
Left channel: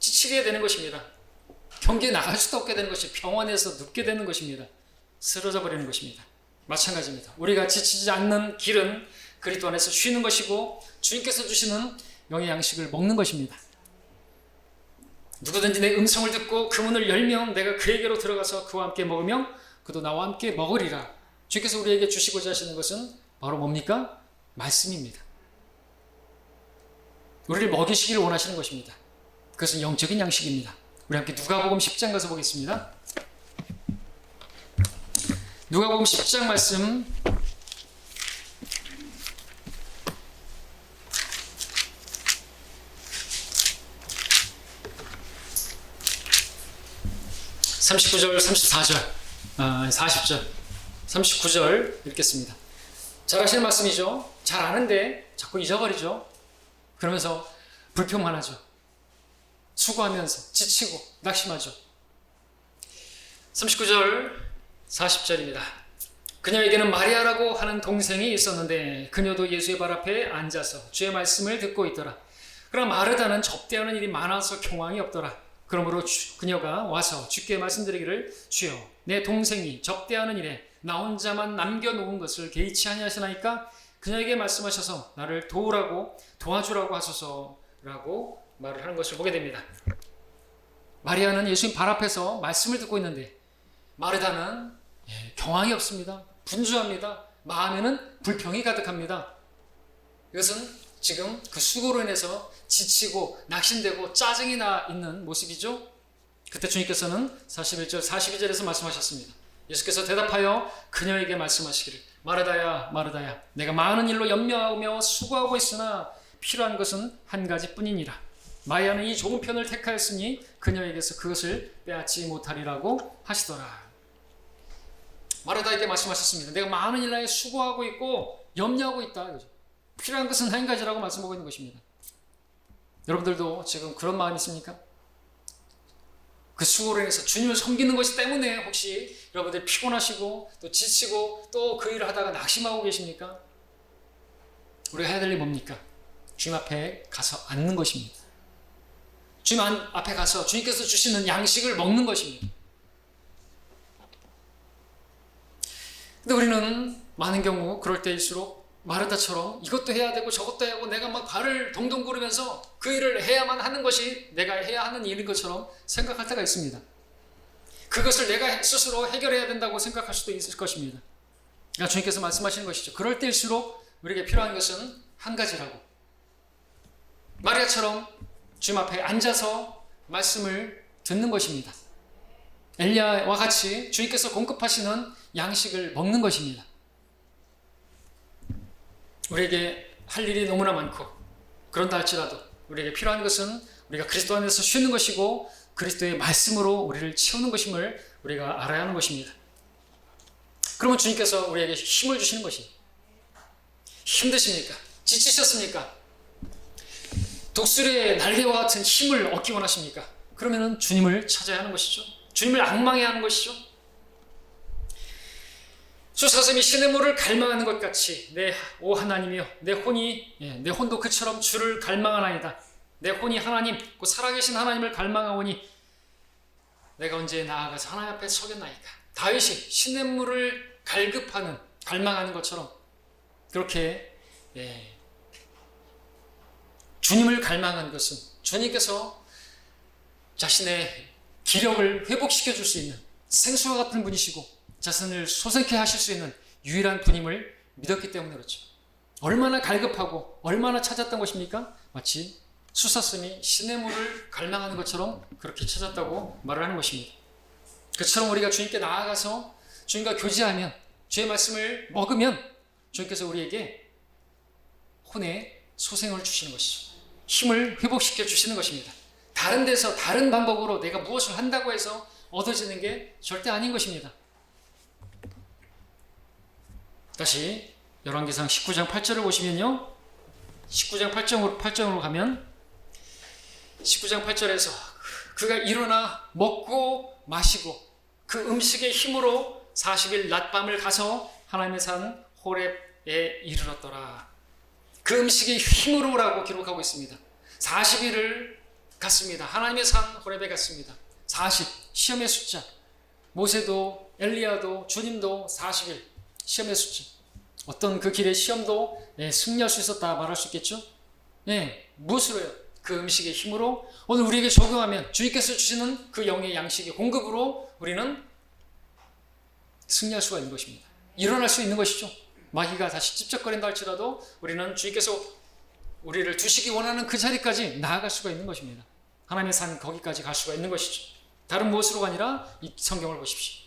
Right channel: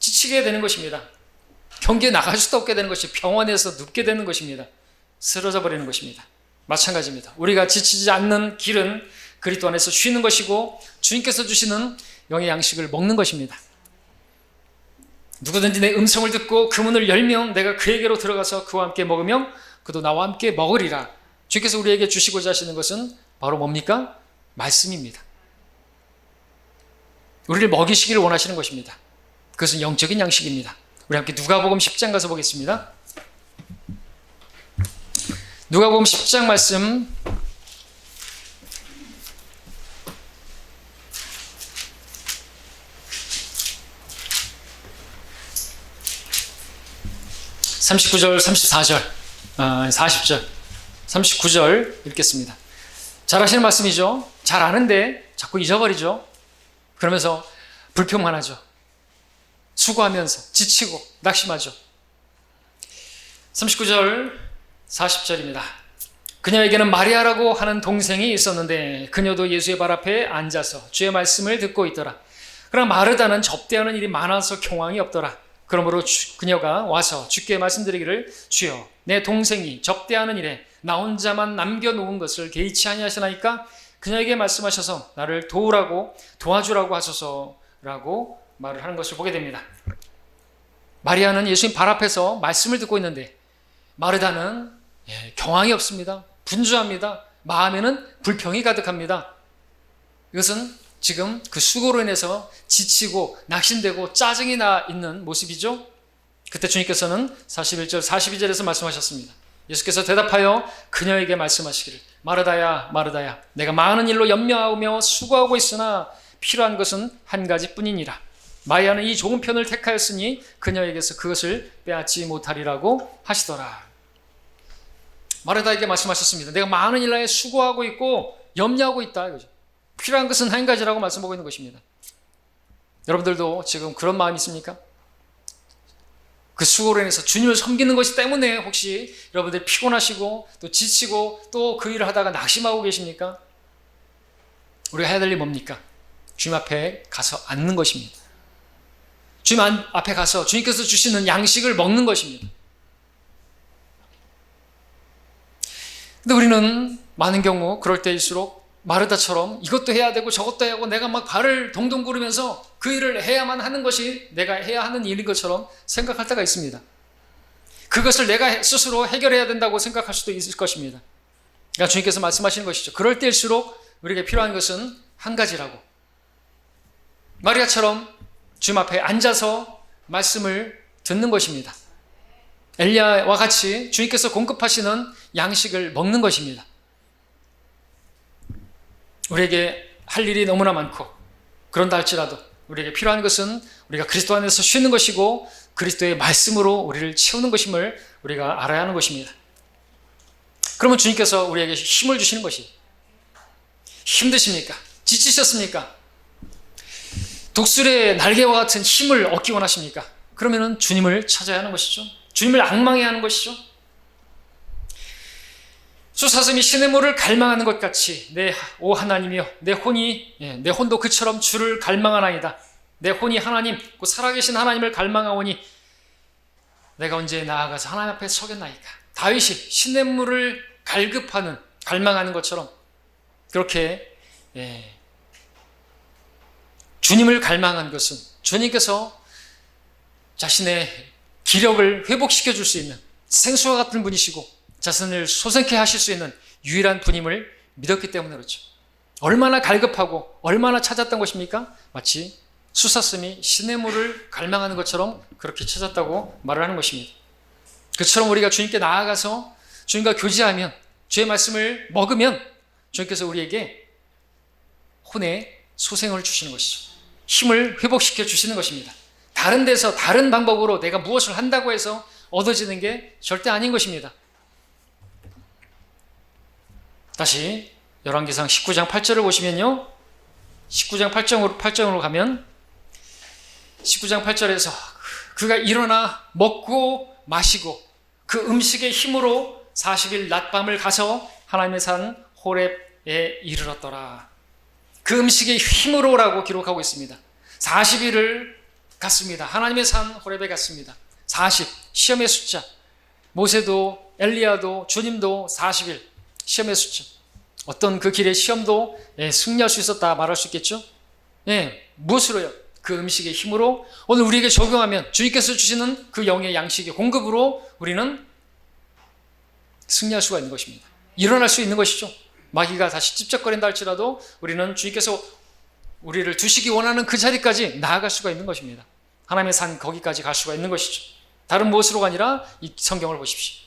지치게 되는 것입니다. 경기에 나갈 수도 없게 되는 것이, 병원에서 눕게 되는 것입니다. 쓰러져 버리는 것입니다. 마찬가지입니다. 우리가 지치지 않는 길은 그리스도 안에서 쉬는 것이고 주님께서 주시는 영의 양식을 먹는 것입니다. 누구든지 내 음성을 듣고 그 문을 열면 내가 그에게로 들어가서 그와 함께 먹으며 그도 나와 함께 먹으리라. 주께서 우리에게 주시고자 하시는 것은 바로 뭡니까? 말씀입니다. 우리를 먹이시기를 원하시는 것입니다. 그것은 영적인 양식입니다. 우리 함께 누가복음 10장 가서 보겠습니다. 누가복음 10장 말씀 39절, 34절, 40절, 39절 읽겠습니다. 잘 하시는 말씀이죠. 잘 아는데 자꾸 잊어버리죠. 그러면서 불평만 하죠. 수고하면서 지치고 낙심하죠. 39절 40절입니다. 그녀에게는 마리아라고 하는 동생이 있었는데 그녀도 예수의 발 앞에 앉아서 주의 말씀을 듣고 있더라. 그러나 마르다는 접대하는 일이 많아서 경황이 없더라. 그러므로 그녀가 와서 주께 말씀드리기를 주여 내 동생이 접대하는 일에 나 혼자만 남겨놓은 것을 개의치 아니하시나이까 그녀에게 말씀하셔서 나를 도와주라고 하소서라고 말을 하는 것을 보게 됩니다. 마리아는 예수님 발 앞에서 말씀을 듣고 있는데 마르다는 경황이 없습니다. 분주합니다. 마음에는 불평이 가득합니다. 이것은 지금 그 수고로 인해서 지치고 낙심되고 짜증이 나 있는 모습이죠. 그때 주님께서는 41절 42절에서 말씀하셨습니다. 예수께서 대답하여 그녀에게 말씀하시기를 마르다야 마르다야 내가 많은 일로 염려하며 수고하고 있으나 필요한 것은 한 가지뿐이니라. 마리아는 이 좋은 편을 택하였으니 그녀에게서 그것을 빼앗지 못하리라고 하시더라. 마르다에게 말씀하셨습니다. 내가 많은 일로 수고하고 있고 염려하고 있다. 이거죠. 필요한 것은 한 가지라고 말씀하고 있는 것입니다. 여러분들도 지금 그런 마음이 있습니까? 그 수고로 인해서 주님을 섬기는 것이 때문에 혹시 여러분들이 피곤하시고 또 지치고 또 그 일을 하다가 낙심하고 계십니까? 우리가 해야 될 일이 뭡니까? 주님 앞에 가서 앉는 것입니다. 주님 앞에 가서 주님께서 주시는 양식을 먹는 것입니다. 근데 우리는 많은 경우 그럴 때일수록 마르다처럼 이것도 해야 되고 저것도 해야 하고 내가 막 발을 동동 구르면서 그 일을 해야만 하는 것이 내가 해야 하는 일인 것처럼 생각할 때가 있습니다. 그것을 내가 스스로 해결해야 된다고 생각할 수도 있을 것입니다. 그러니까 주님께서 말씀하시는 것이죠. 그럴 때일수록 우리에게 필요한 것은 한 가지라고. 마리아처럼 주님 앞에 앉아서 말씀을 듣는 것입니다. 엘리야와 같이 주님께서 공급하시는 양식을 먹는 것입니다. 우리에게 할 일이 너무나 많고 그런다 할지라도 우리에게 필요한 것은 우리가 그리스도 안에서 쉬는 것이고 그리스도의 말씀으로 우리를 채우는 것임을 우리가 알아야 하는 것입니다. 그러면 주님께서 우리에게 힘을 주시는 것이 힘드십니까? 지치셨습니까? 독수리의 날개와 같은 힘을 얻기 원하십니까? 그러면 주님을 찾아야 하는 것이죠. 주님을 앙망해야 하는 것이죠. 수사슴이 시냇물을 갈망하는 것 같이 오 하나님이여 내 혼도 그처럼 주를 갈망하나이다. 내 혼이 하나님 그 살아계신 하나님을 갈망하오니 내가 언제 나아가서 하나님 앞에 서겠나이까. 다윗이 시냇물을 갈망하는 것처럼 그렇게 주님을 갈망한 것은 주님께서 자신의 기력을 회복시켜 줄 수 있는 생수와 같은 분이시고 자신을 소생케 하실 수 있는 유일한 분임을 믿었기 때문에 그렇죠. 얼마나 갈급하고 얼마나 찾았던 것입니까? 마치 수사슴이 시냇물을 갈망하는 것처럼 그렇게 찾았다고 말을 하는 것입니다. 그처럼 우리가 주님께 나아가서 주님과 교제하면 주의 말씀을 먹으면 주님께서 우리에게 혼의 소생을 주시는 것이죠. 힘을 회복시켜 주시는 것입니다. 다른 데서 다른 방법으로 내가 무엇을 한다고 해서 얻어지는 게 절대 아닌 것입니다. 다시 열왕기상 19장 8절을 보시면요. 19장 8절으로 가면 19장 8절에서 그가 일어나 먹고 마시고 그 음식의 힘으로 40일 낮밤을 가서 하나님의 산 호렙에 이르렀더라. 그 음식의 힘으로라고 기록하고 있습니다. 40일을 갔습니다. 하나님의 산 호렙에 갔습니다. 40, 시험의 숫자. 모세도 엘리야도 주님도 40일 시험의 숫자. 어떤 그 길의 시험도 승리할 수 있었다 말할 수 있겠죠? 무엇으로요? 그 음식의 힘으로 오늘 우리에게 적용하면 주님께서 주시는 그 영의 양식의 공급으로 우리는 승리할 수가 있는 것입니다. 일어날 수 있는 것이죠. 마귀가 다시 찝쩍거린다 할지라도 우리는 주님께서 우리를 두시기 원하는 그 자리까지 나아갈 수가 있는 것입니다. 하나님의 산 거기까지 갈 수가 있는 것이죠. 다른 무엇으로가 아니라 이 성경을 보십시오.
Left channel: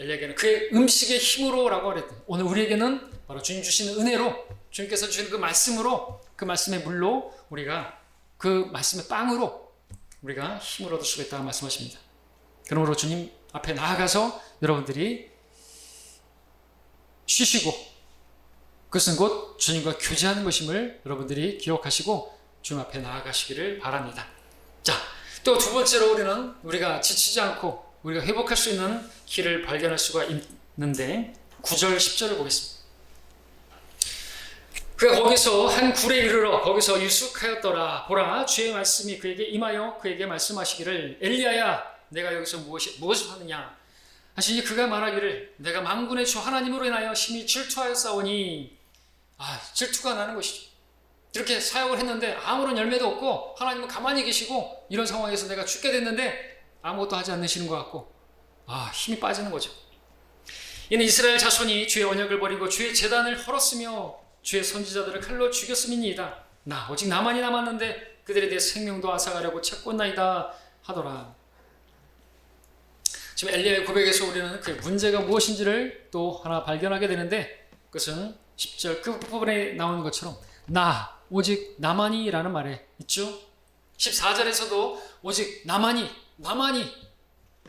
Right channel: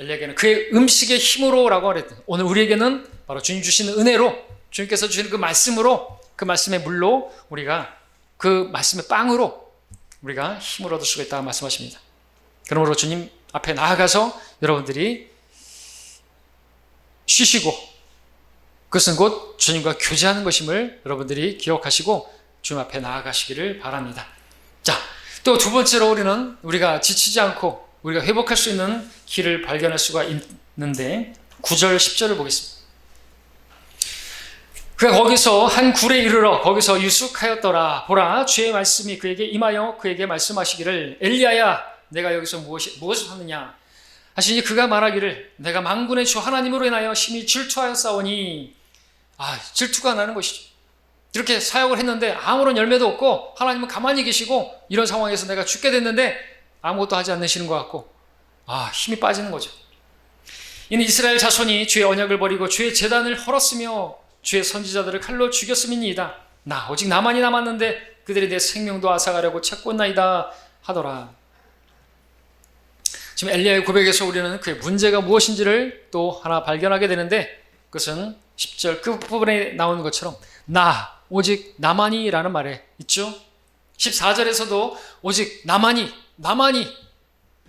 엘리야에게는 그의 음식의 힘으로라고 그랬더니 오늘 우리에게는 바로 주님 주시는 은혜로 주님께서 주시는 그 말씀으로 그 말씀의 물로 우리가 그 말씀의 빵으로 우리가 힘을 얻을 수가 있다고 말씀하십니다. 그러므로 주님 앞에 나아가서 여러분들이 쉬시고 그것은 곧 주님과 교제하는 것임을 여러분들이 기억하시고 주님 앞에 나아가시기를 바랍니다. 자, 또 두 번째로 우리가 지치지 않고 우리가 회복할 수 있는 길을 발견할 수가 있는데 9절 10절을 보겠습니다. 그가 거기서 한 굴에 이르러 거기서 유숙하였더라. 보라 주의 말씀이 그에게 임하여 그에게 말씀하시기를 엘리야야 내가 여기서 무엇을 하느냐 하시니 그가 말하기를 내가 만군의 주 하나님으로 인하여 심히 질투하였사오니 질투가 나는 것이죠. 이렇게 사역을 했는데 아무런 열매도 없고 하나님은 가만히 계시고 이런 상황에서 내가 죽게 됐는데 아무것도 하지 않으시는 것 같고 힘이 빠지는 거죠. 이는 이스라엘 자손이 주의 언약을 버리고 주의 제단을 헐었으며 주의 선지자들을 칼로 죽였음이니이다. 나 오직 나만이 남았는데 그들이 내 생명도 앗아가려고 찾고나이다 하더라. 지금 엘리야의 고백에서 우리는 그의 문제가 무엇인지를 또 하나 발견하게 되는데, 그것은 10절 끝부분에 나오는 것처럼 나 오직 나만이 라는 말에 있죠. 14절에서도 오직 나만이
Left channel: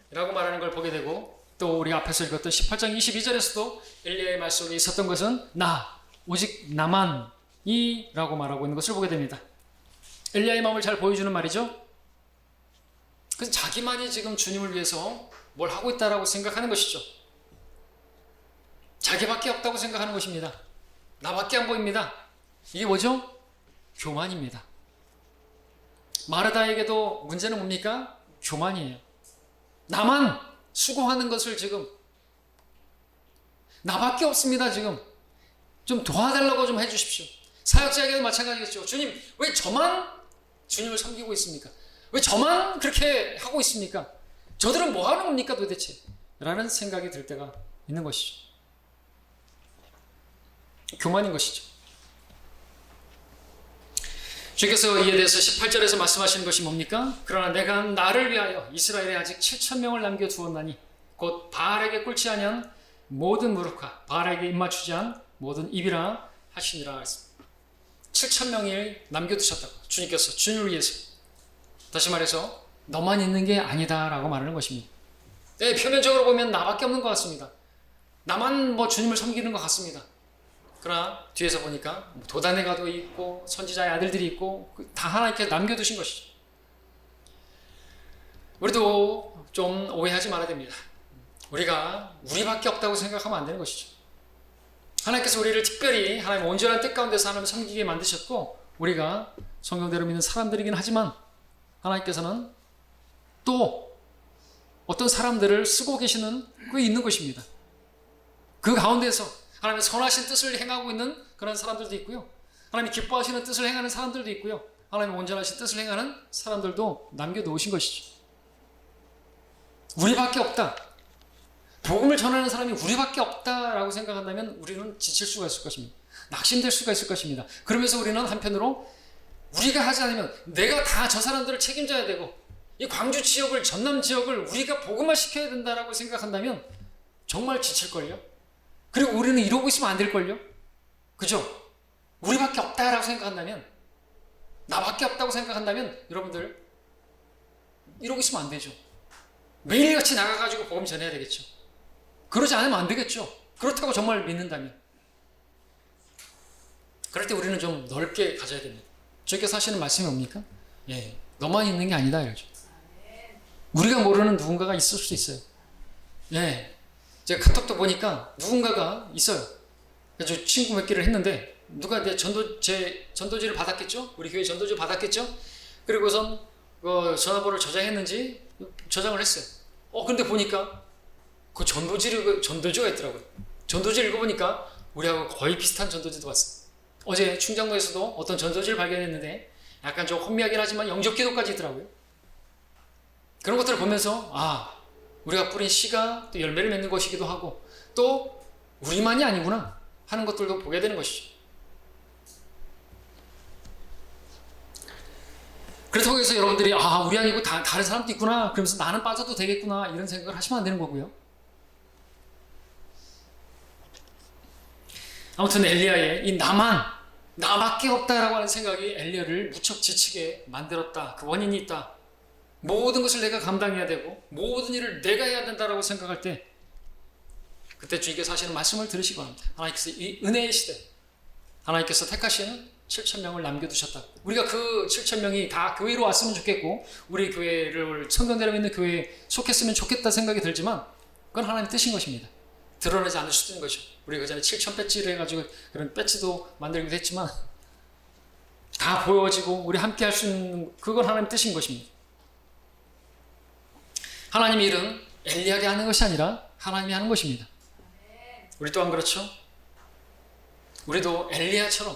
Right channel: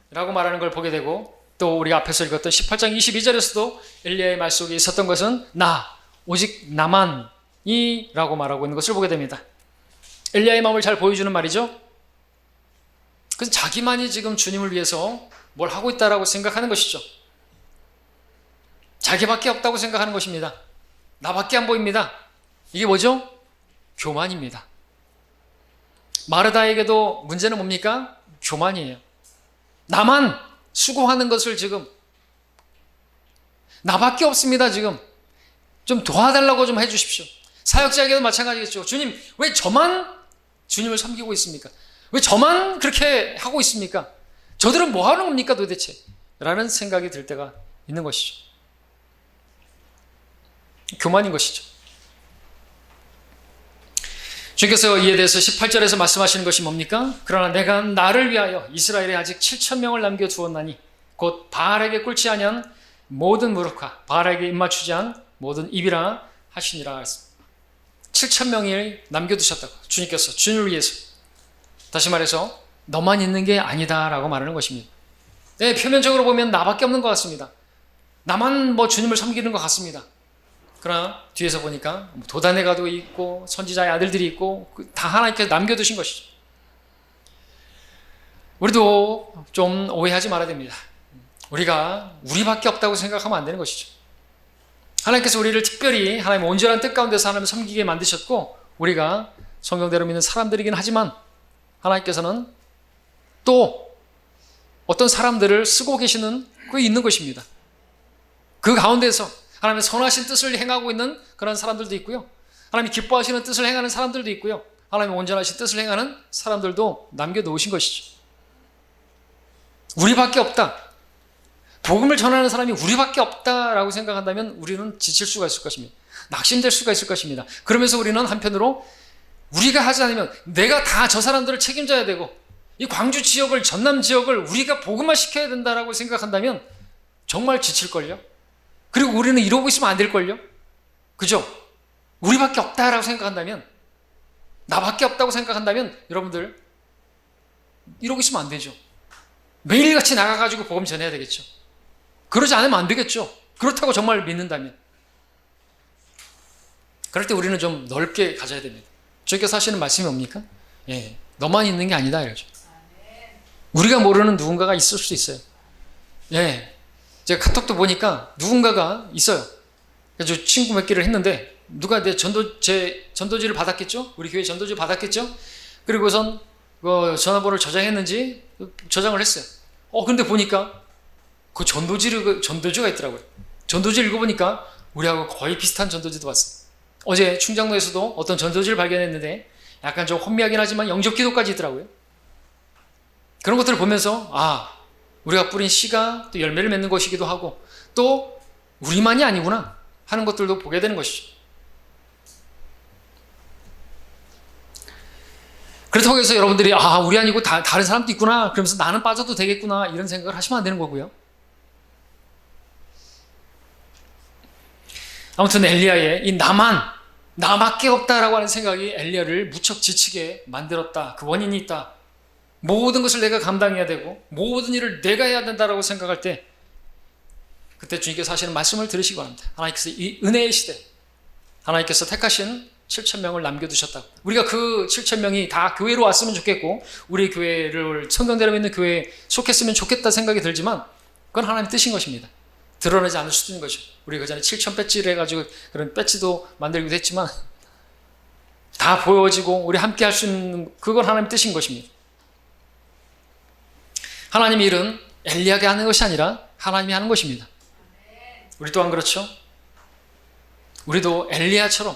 라고 말하는 걸 보게 되고, 또 우리가 앞에서 읽었던 18장 22절에서도 엘리야의 말 속에 있었던 것은 나 오직 나만이 라고 말하고 있는 것을 보게 됩니다. 엘리야의 마음을 잘 보여주는 말이죠. 그래서 자기만이 지금 주님을 위해서 뭘 하고 있다라고 생각하는 것이죠. 자기밖에 없다고 생각하는 것입니다. 나밖에 안 보입니다. 이게 뭐죠? 교만입니다. 마르다에게도 문제는 뭡니까? 교만이에요. 나만 수고하는 것을 지금, 나밖에 없습니다. 지금 좀 도와달라고 좀 해주십시오. 사역자에게도 마찬가지겠죠. 주님, 왜 저만 주님을 섬기고 있습니까? 왜 저만 그렇게 하고 있습니까? 저들은 뭐 하는 겁니까 도대체? 라는 생각이 들 때가 있는 것이죠. 교만인 것이죠. 주께서 이에 대해서 18절에서 말씀하시는 것이 뭡니까? 그러나 내가 나를 위하여 이스라엘에 아직 7,000명을 남겨두었나니 곧 바알에게 꿇지 아니한 모든 무릎과 바알에게 입맞추지 않은 모든 입이라 하시니라. 7,000명을 남겨두셨다고 주님께서, 주님을 위해서. 다시 말해서 너만 있는 게 아니다 라고 말하는 것입니다. 네, 표면적으로 보면 나밖에 없는 것 같습니다. 나만 주님을 섬기는 것 같습니다. 그러나 뒤에서 보니까 도단에 가도 있고 선지자의 아들들이 있고 다 하나님께서 남겨두신 것이죠. 우리도 좀 오해하지 말아야 됩니다. 우리가 우리밖에 없다고 생각하면 안 되는 것이죠. 하나님께서 우리를 특별히 하나님의 온전한 뜻 가운데서 하나님을 섬기게 만드셨고, 우리가 성경대로 믿는 사람들이긴 하지만 하나님께서는 또 어떤 사람들을 쓰고 계시는 그게 있는 것입니다. 그 가운데서 하나님의 선하신 뜻을 행하고 있는 그런 사람들도 있고요, 하나님이 기뻐하시는 뜻을 행하는 사람들도 있고요, 하나님의 온전하신 뜻을 행하는 사람들도 남겨놓으신 것이죠. 우리밖에 없다, 복음을 전하는 사람이 우리밖에 없다라고 생각한다면 우리는 지칠 수가 있을 것입니다. 낙심될 수가 있을 것입니다. 그러면서 우리는 한편으로 우리가 하지 않으면 내가 다 저 사람들을 책임져야 되고 이 광주 지역을, 전남 지역을 우리가 복음화 시켜야 된다라고 생각한다면 정말 지칠걸요. 그리고 우리는 이러고 있으면 안 될걸요. 그죠? 우리밖에 없다라고 생각한다면, 나밖에 없다고 생각한다면 여러분들 이러고 있으면 안 되죠. 매일같이 나가가지고 복음 전해야 되겠죠. 그러지 않으면 안 되겠죠. 그렇다고 정말 믿는다면. 그럴 때 우리는 좀 넓게 가져야 됩니다. 주께서 하시는 말씀이 뭡니까? 너만 있는 게 아니다 이러죠. 우리가 모르는 누군가가 있을 수 있어요. 제가 카톡도 보니까 누군가가 있어요. 그래서 친구 몇 개를 했는데 누가 제 전도지를 받았겠죠? 우리 교회 전도지 받았겠죠? 그리고선 전화번호를 저장했는지 저장을 했어요. 근데 보니까 그 전도지가 있더라고요. 전도지 읽어보니까 우리하고 거의 비슷한 전도지도 봤어요. 어제 충장로에서도 어떤 전도지를 발견했는데 약간 좀 혼미하긴 하지만 영접 기도까지 있더라고요. 그런 것들을 보면서 우리가 뿌린 씨가 또 열매를 맺는 것이기도 하고 또 우리만이 아니구나 하는 것들도 보게 되는 것이죠. 그렇다고 해서 여러분들이 우리 아니고 다른 사람도 있구나 그러면서 나는 빠져도 되겠구나 이런 생각을 하시면 안 되는 거고요. 아무튼 엘리야의 이 나밖에 없다라고 하는 생각이 엘리야를 무척 지치게 만들었다. 그 원인이 있다. 모든 것을 내가 감당해야 되고 모든 일을 내가 해야 된다라고 생각할 때 그때 주님께서 하시는 말씀을 들으시기 바랍니다. 하나님께서 이 은혜의 시대 하나님께서 택하신 7,000명을 남겨두셨다고. 우리가 그 7,000명이 다 교회로 왔으면 좋겠고 우리 교회를 성경대로 믿는 교회에 속했으면 좋겠다 생각이 들지만 그건 하나님의 뜻인 것입니다. 드러나지 않을 수도 있는 거죠. 우리 그 전에 7,000 배지를 해가지고 그런 배지도 만들기도 했지만 다 보여지고 우리 함께 할 수 있는 그건 하나님의 뜻인 것입니다. 하나님의 일은 엘리야가 하는 것이 아니라 하나님이 하는 것입니다. 우리 또한 그렇죠. 우리도 엘리야처럼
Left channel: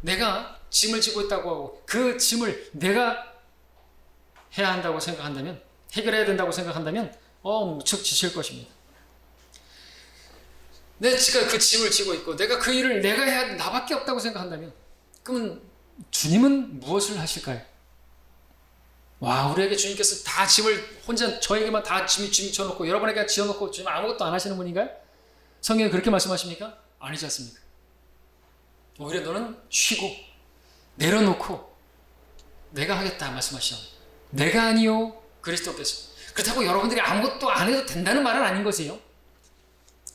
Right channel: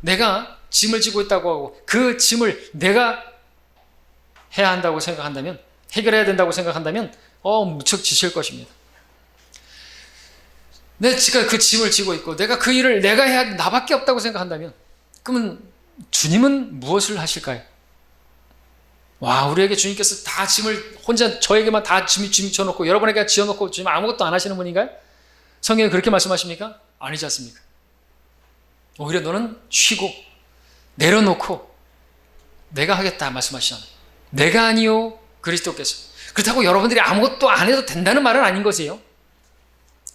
내가 짐을 지고 있다고 하고 그 짐을 내가 해야 한다고 생각한다면, 해결해야 된다고 생각한다면 무척 지칠 것입니다. 제가 그 짐을 지고 있고 내가 그 일을 내가 해야 나밖에 없다고 생각한다면 그러면 주님은 무엇을 하실까요? 와, 우리에게 주님께서 다 짐을 혼자 저에게만 다 짐 지어놓고 여러분에게 지어놓고 주님 아무것도 안 하시는 분인가요? 성경에 그렇게 말씀하십니까? 아니지 않습니까? 오히려 너는 쉬고 내려놓고 내가 하겠다 말씀하시잖아요. 내가 아니요 그리스도께서. 그렇다고 여러분들이 아무것도 안 해도 된다는 말은 아닌 것이에요.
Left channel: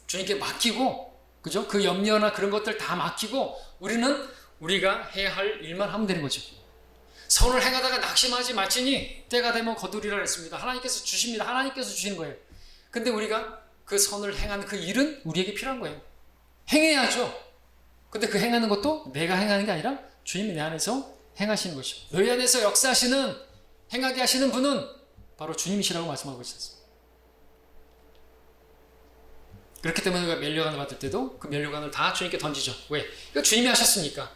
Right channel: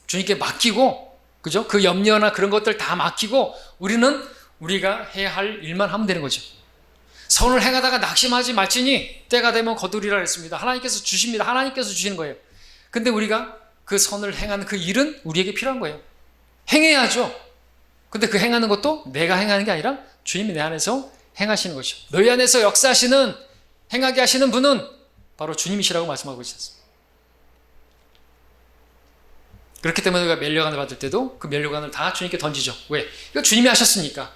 주님께 맡기고, 그죠? 그 염려나 그런 것들 다 맡기고 우리는 우리가 해야 할 일만 하면 되는 거죠. 선을 행하다가 낙심하지 말지니 때가 되면 거두리라 했습니다. 하나님께서 주십니다. 하나님께서 주시는 거예요. 근데 우리가 그 선을 행하는 그 일은 우리에게 필요한 거예요. 행해야죠. 근데 그 행하는 것도 내가 행하는 게 아니라 주님이 내 안에서 행하시는 것이죠. 너희 안에서 역사하시는, 행하게 하시는 분은 바로 주님이시라고 말씀하고 있었습니다. 그렇기 때문에 우리가 면류관을 받을 때도 그 면류관을 다 주님께 던지죠. 왜? 이거 주님이 하셨으니까.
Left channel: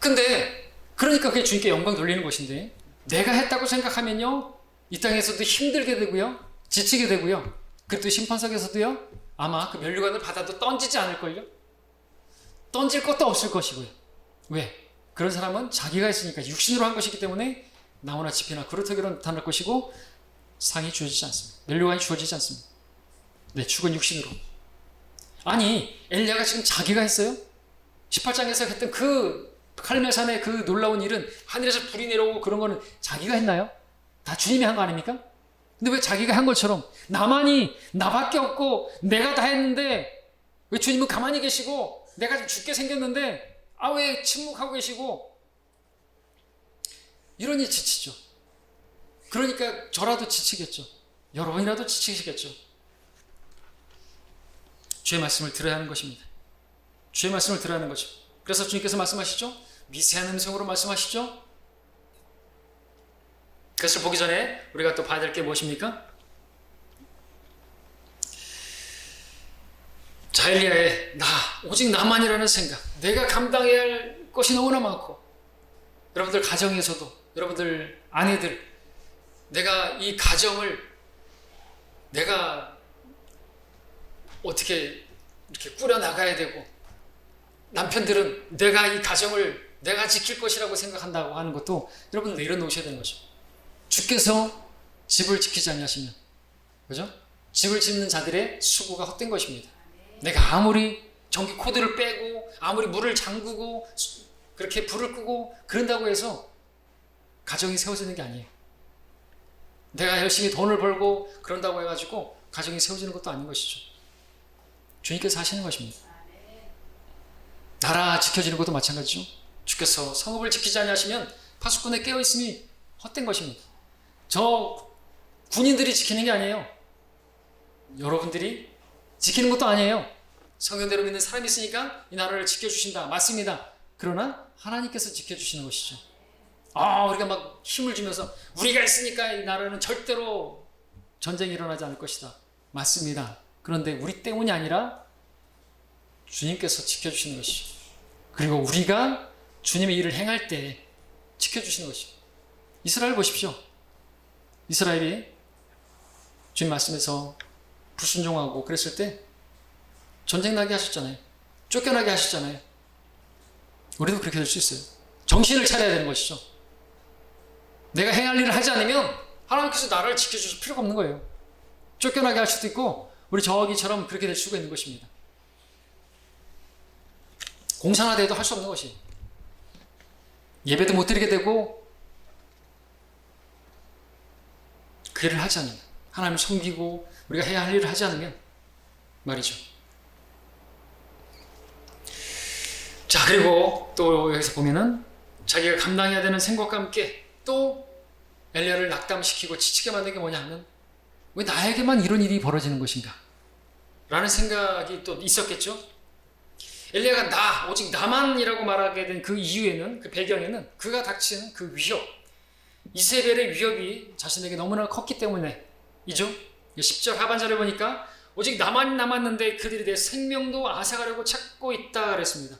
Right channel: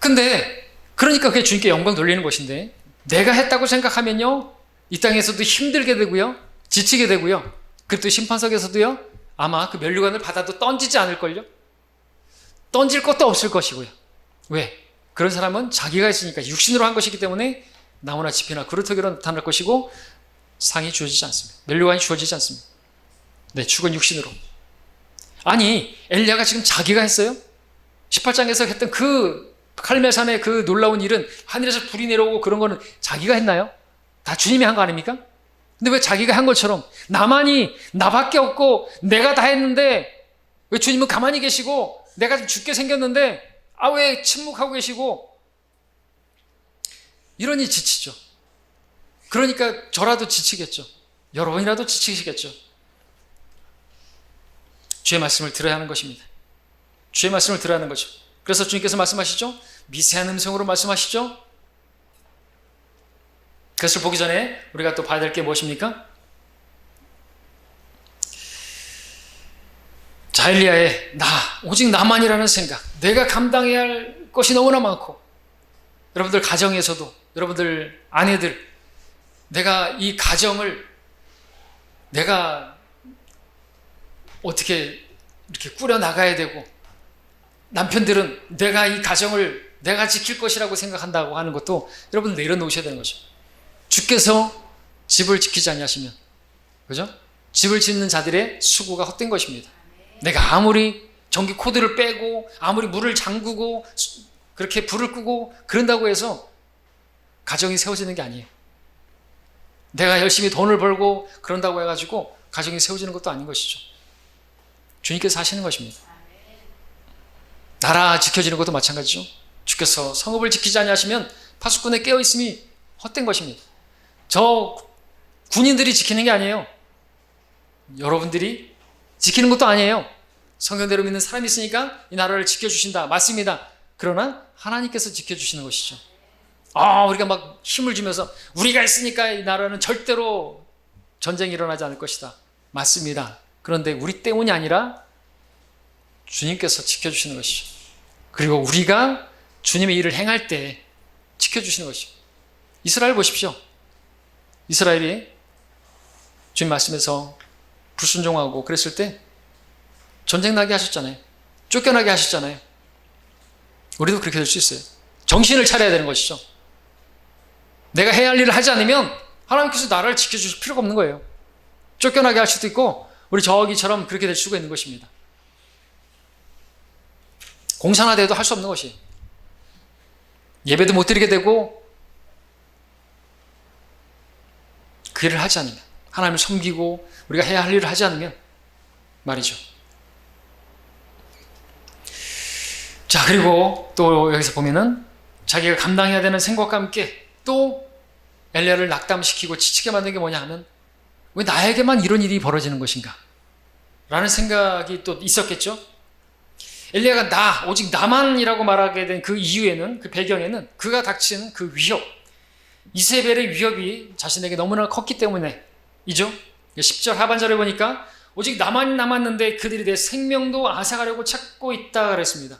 근데 그러니까 그게 주님께 영광 돌리는 것인데 내가 했다고 생각하면요 이 땅에서도 힘들게 되고요 지치게 되고요 그리고 심판석에서도요 아마 그 면류관을 받아도 던지지 않을걸요. 던질 것도 없을 것이고요. 왜? 그런 사람은 자기가 했으니까 육신으로 한 것이기 때문에 나무나 지피나 그루터기로 나타날 것이고 상이 주어지지 않습니다. 면류관이 주어지지 않습니다. 네, 죽은 육신으로. 아니 엘리야가 지금 자기가 했어요? 18장에서 했던 그 칼멜산의 그 놀라운 일은 하늘에서 불이 내려오고 그런 거는 자기가 했나요? 다 주님이 한 거 아닙니까? 근데 왜 자기가 한 것처럼 나만이 나밖에 없고 내가 다 했는데 왜 주님은 가만히 계시고 내가 좀 죽게 생겼는데 왜 침묵하고 계시고 이러니 지치죠. 그러니까 저라도 지치겠죠. 여러분이라도 지치시겠죠. 주의 말씀을 들어야 하는 것입니다. 주의 말씀을 들어야 하는 거죠. 그래서 주님께서 말씀하시죠. 미세한 음성으로 말씀하시죠. 그것을 보기 전에 우리가 또 봐야 될 게 무엇입니까? 자, 엘리야의 오직 나만이라는 생각, 내가 감당해야 할 것이 너무나 많고 여러분들 가정에서도 여러분들 아내들 내가 이 가정을 내가 어떻게 이렇게 꾸려나가야 되고 남편들은 내가 이 가정을 내가 지킬 것이라고 생각한다고 하는 것도 여러분 내려놓으셔야 되는 거죠. 주께서 집을 지키지 않으시면, 그죠? 집을 짓는 자들의 수고가 헛된 것입니다. 내가 아무리 전기 코드를 빼고 아무리 물을 잠그고 그렇게 불을 끄고 그런다고 해서 가정이 세워지는 게 아니에요. 내가 열심히 돈을 벌고 그런다고 해가지고 가정이 세워지는 것도 아닌 것이죠. 주님께서 하시는 것입니다. 나라 지켜지는 것도 마찬가지죠. 주께서 성읍을 지키지 아니하시면 파수꾼에 깨어있음이 헛된 것입니다. 저 군인들이 지키는 게 아니에요. 여러분들이 지키는 것도 아니에요. 성경대로 믿는 사람이 있으니까 이 나라를 지켜주신다. 맞습니다. 그러나 하나님께서 지켜주시는 것이죠. 우리가 막 힘을 주면서 우리가 있으니까 이 나라는 절대로 전쟁이 일어나지 않을 것이다. 맞습니다. 그런데 우리 때문이 아니라 주님께서 지켜주시는 것이죠. 그리고 우리가 주님의 일을 행할 때 지켜주시는 것이죠. 이스라엘 보십시오. 이스라엘이 주님 말씀에서 불순종하고 그랬을 때 전쟁 나게 하셨잖아요. 쫓겨나게 하셨잖아요. 우리도 그렇게 될 수 있어요. 정신을 차려야 되는 것이죠. 내가 해야 할 일을 하지 않으면 하나님께서 나를 지켜주실 필요가 없는 거예요. 쫓겨나게 할 수도 있고 우리 저기처럼 그렇게 될 수가 있는 것입니다. 공사나 돼도 할 수 없는 것이 예배도 못 드리게 되고 그 일을 하지 않으면 하나님을 섬기고 우리가 해야 할 일을 하지 않으면 말이죠. 자, 그리고 또 여기서 보면은 자기가 감당해야 되는 생각과 함께 또 엘리야를 낙담시키고 지치게 만든 게 뭐냐 하면 왜 나에게만 이런 일이 벌어지는 것인가? 라는 생각이 또 있었겠죠. 엘리야가 오직 나만이라고 말하게 된 그 이유에는, 그 배경에는 그가 닥친 그 위협, 이세벨의 위협이 자신에게 너무나 컸기 때문에 이죠. 10절 하반절에 보니까 오직 나만이 남았는데 그들이 내 생명도 앗아가려고 찾고 있다 그랬습니다.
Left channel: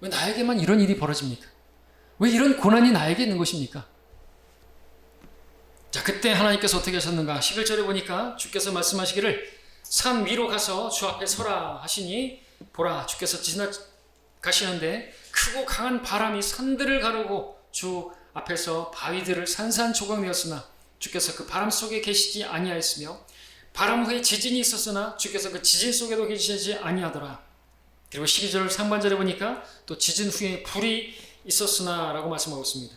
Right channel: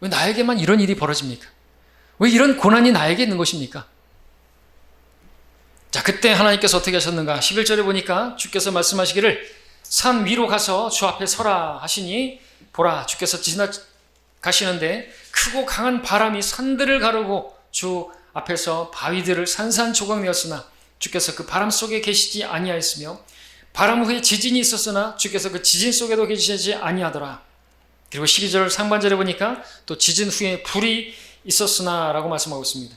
왜 나에게만 이런 일이 벌어집니까? 왜 이런 고난이 나에게 있는 것입니까? 자, 그때 하나님께서 어떻게 하셨는가? 11절에 보니까 주께서 말씀하시기를 산 위로 가서 주 앞에 서라 하시니 보라, 주께서 지나가시는데 크고 강한 바람이 산들을 가르고 주 앞에서 바위들을 산산조각내었으나 주께서 그 바람 속에 계시지 아니하였으며 바람 후에 지진이 있었으나 주께서 그 지진 속에도 계시지 아니하더라. 그리고 12절 상반절에 보니까 또 지진 후에 불이 있었으나 라고 말씀하고 있습니다.